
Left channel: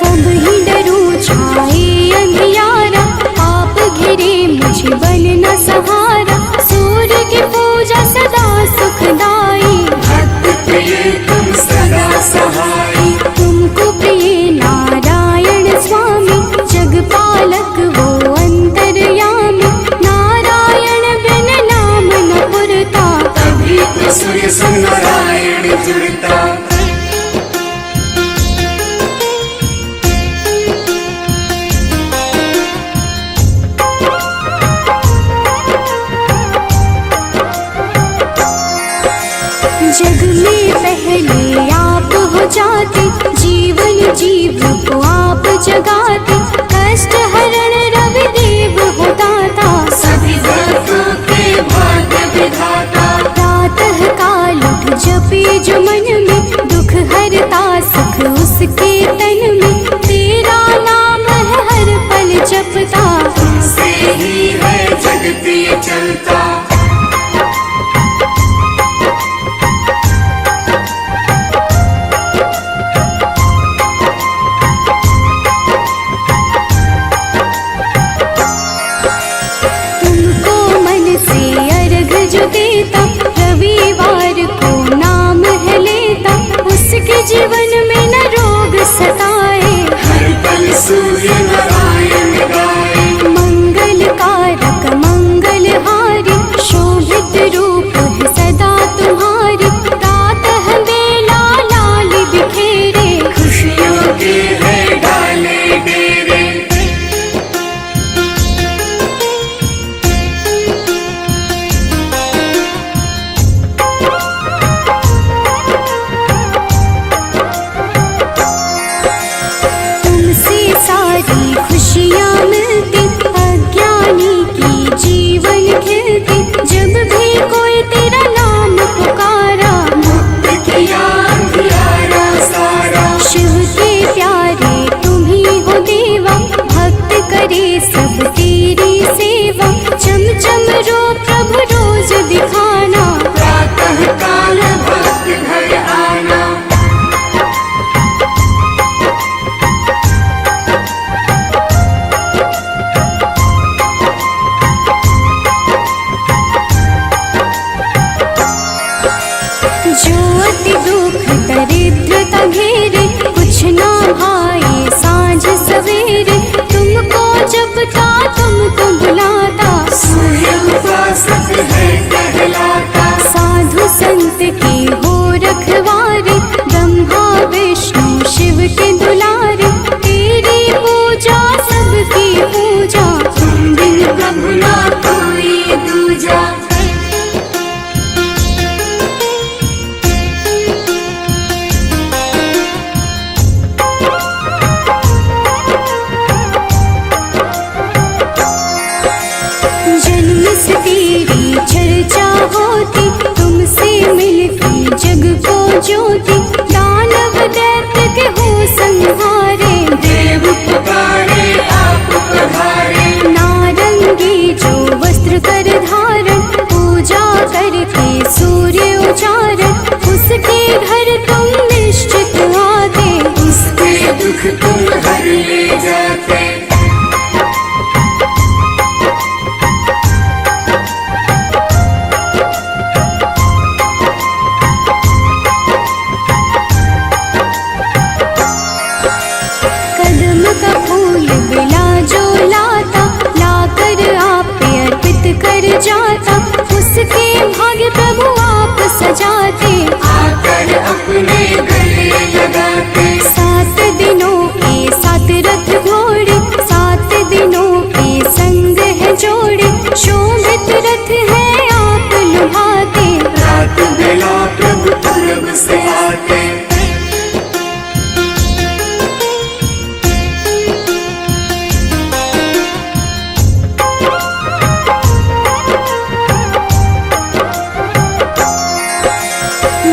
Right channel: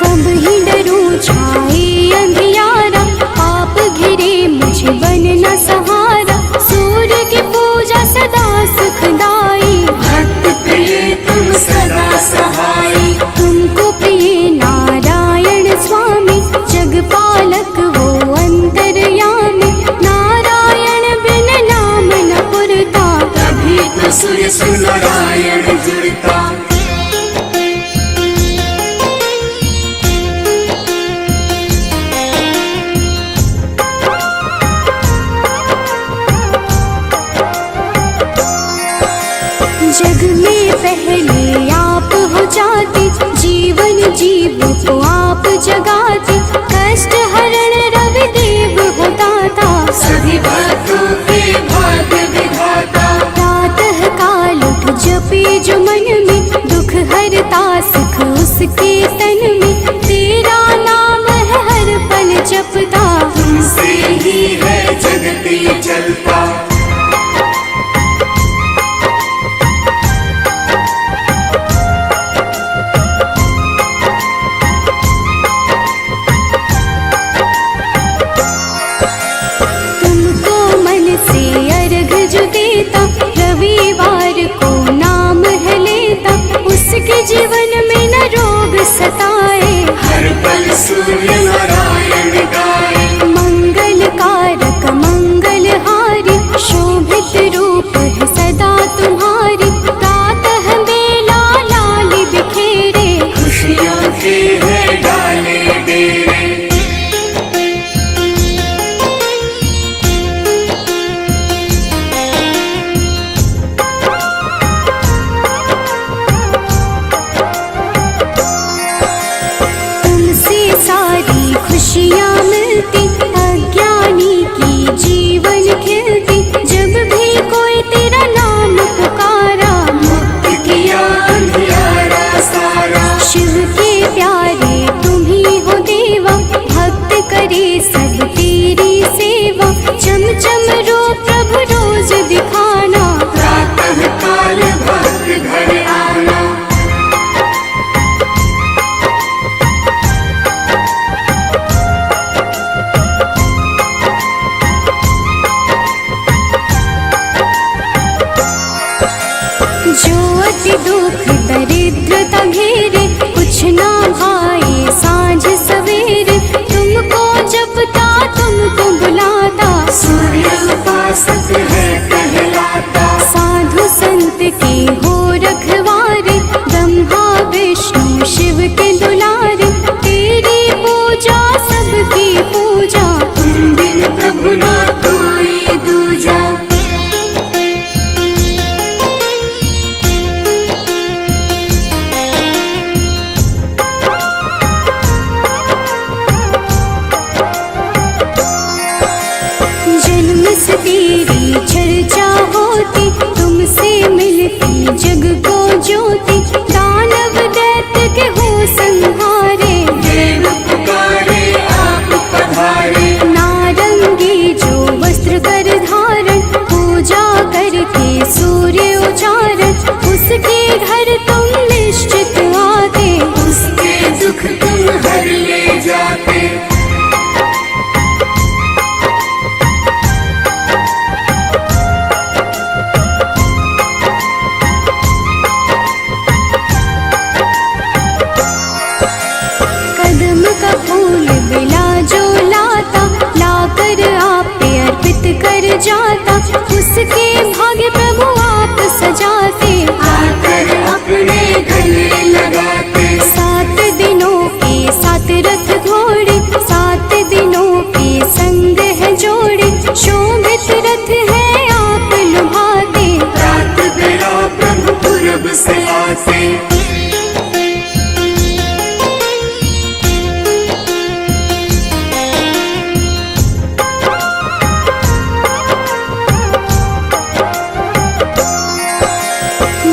कब ही डरूं छाए अंधियारा, पाप घिरे मुझे बन न सहारा। सूर्य की पूजा सदा सुखदाई, भक्त प्रिय तुम सदा सहाई। तुमको प्रिय नारायण स्वामी, जगपालक वो अंतर्यामी। नारायण बिन नाम न पुरता, तभी तो सूर्य से नारायण जुड़ता। जग में पहले आप हो जाते, जीवन जीव को आप जगाते। कष्ट हरण रवि देव हो दाता, सभी भक्तों के भाग्य विधाता। प्रातः काल उठ जपे जो मन में, दुख हरता सुख उसके तन में। तेरा नाम है हर पल जपता, तुमसे ही है जगती चलता। सारी खुशियाँ मिलती, अज्ञानी की जीवन खिलती। जब भी कोई तेरा नाम पुकारा, मुक्त किया अंधियारा सारा। शिव के प्यारे तुम ही हो देवा, भक्त करे सब तेरी सेवा। चम चम रो प्रभु रोज दिखाना, प्रातः काल भक्त घर आना। जो अति दुख दरिद्रता घेरे, कुछ ना भाए सांझ सवेरे। तुमको जपता तुमको बुलाता, सूर्य उपासक है कहलाता। साधु संत के हो रखवारे, ब्रह्मा विष्णु शिव के दुलारे। तेरी पूजा सबकी पूजा, तुम बिन प्रभु ना कोई दूजा। जन्म से तेरी चर्चा होती, तुमसे मिलती जग को ज्योति। दानव दैत्य के हो संहारे, देव पुकारे आप पधारे। नारंगी जो वस्त्र कर धारण, पूजा करके सूर्य उचारण। उसके घर तुम निश्चित आते, उसके दुख तुम हर ले जाते। कदम का फूल बिला जो लाता, लाकर आप पे अर्पित कर जाता। उसके भाग्य प्रभु आप सजाते, आकर अपने गले लगाते। 7 दिनों के 7 रथ घोड़े, 7 दिनों के संग है जोड़े। शोभित रथ है आप लुभाते, रात बेला प्रभु पूरब से आते।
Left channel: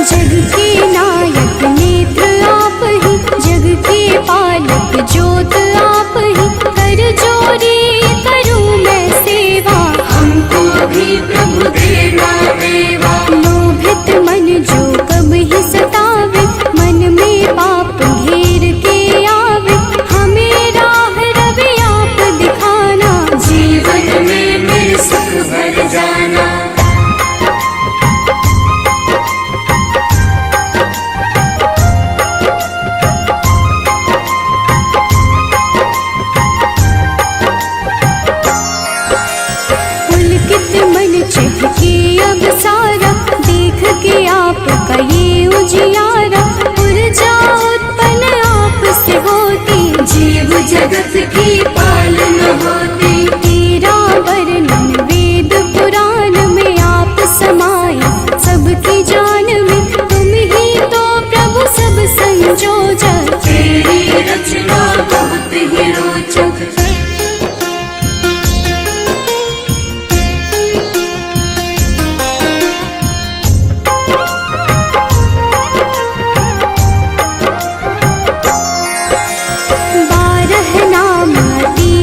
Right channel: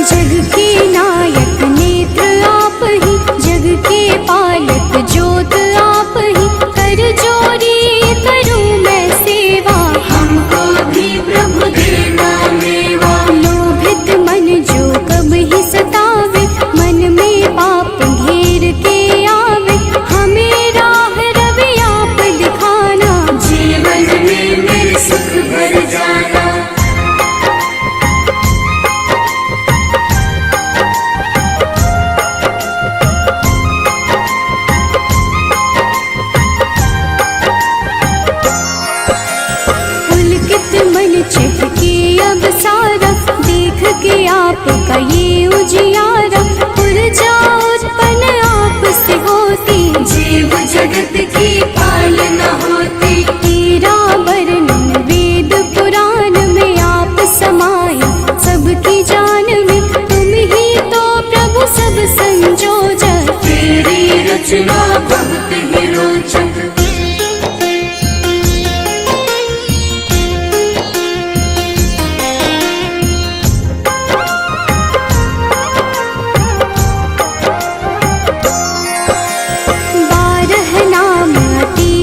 जग के नायक नेत्र आप ही, जग के पालक ज्योत आप ही। कर जोरी करूं मैं सेवा, हमको भी प्रभु देगा मेवा। लोभित मन जो कब ही सतावे, मन में पाप घेर के आवे। हमें राह रवि आप दिखाना, जीवन में मेरे सुख भर जाना। पुलकित मन चहके अब सारा, देख के आपका ये उजियारा। ऊर्जा उत्पन्न आप से होती, जीव जगत की पालना होती। तेरा वर्णन वेद पुराण में आप समाये, सबकी जान में तुम ही तो प्रभु सब संजोजक। तेरी रचना बहुत ही रोचक।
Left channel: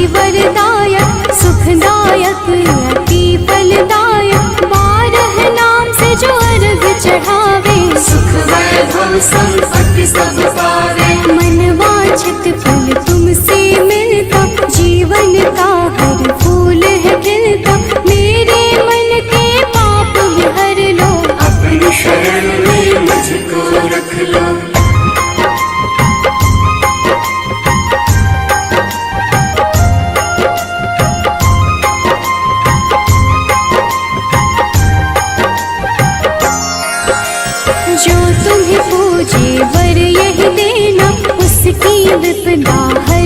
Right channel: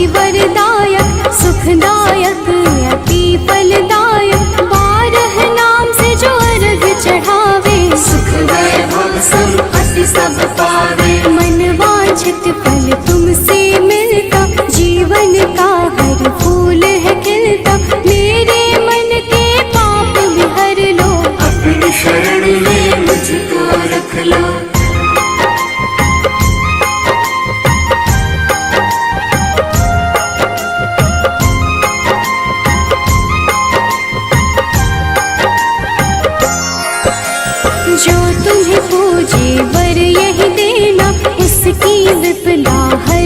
वरदायक सुखदायक अति फलदायक। 12 नाम से जो अर्घ चढ़ावे, सुख वैभव संपत्ति सब पावे। मन वांछित फल तुमसे मिलता, जीवन का हर फूल है खिलता। मेरे मन के पाप भी हर लो, अपनी शरण में मुझको रख लो। जो तुम्हें पूजे वर यही देना, उसकी विपदा हर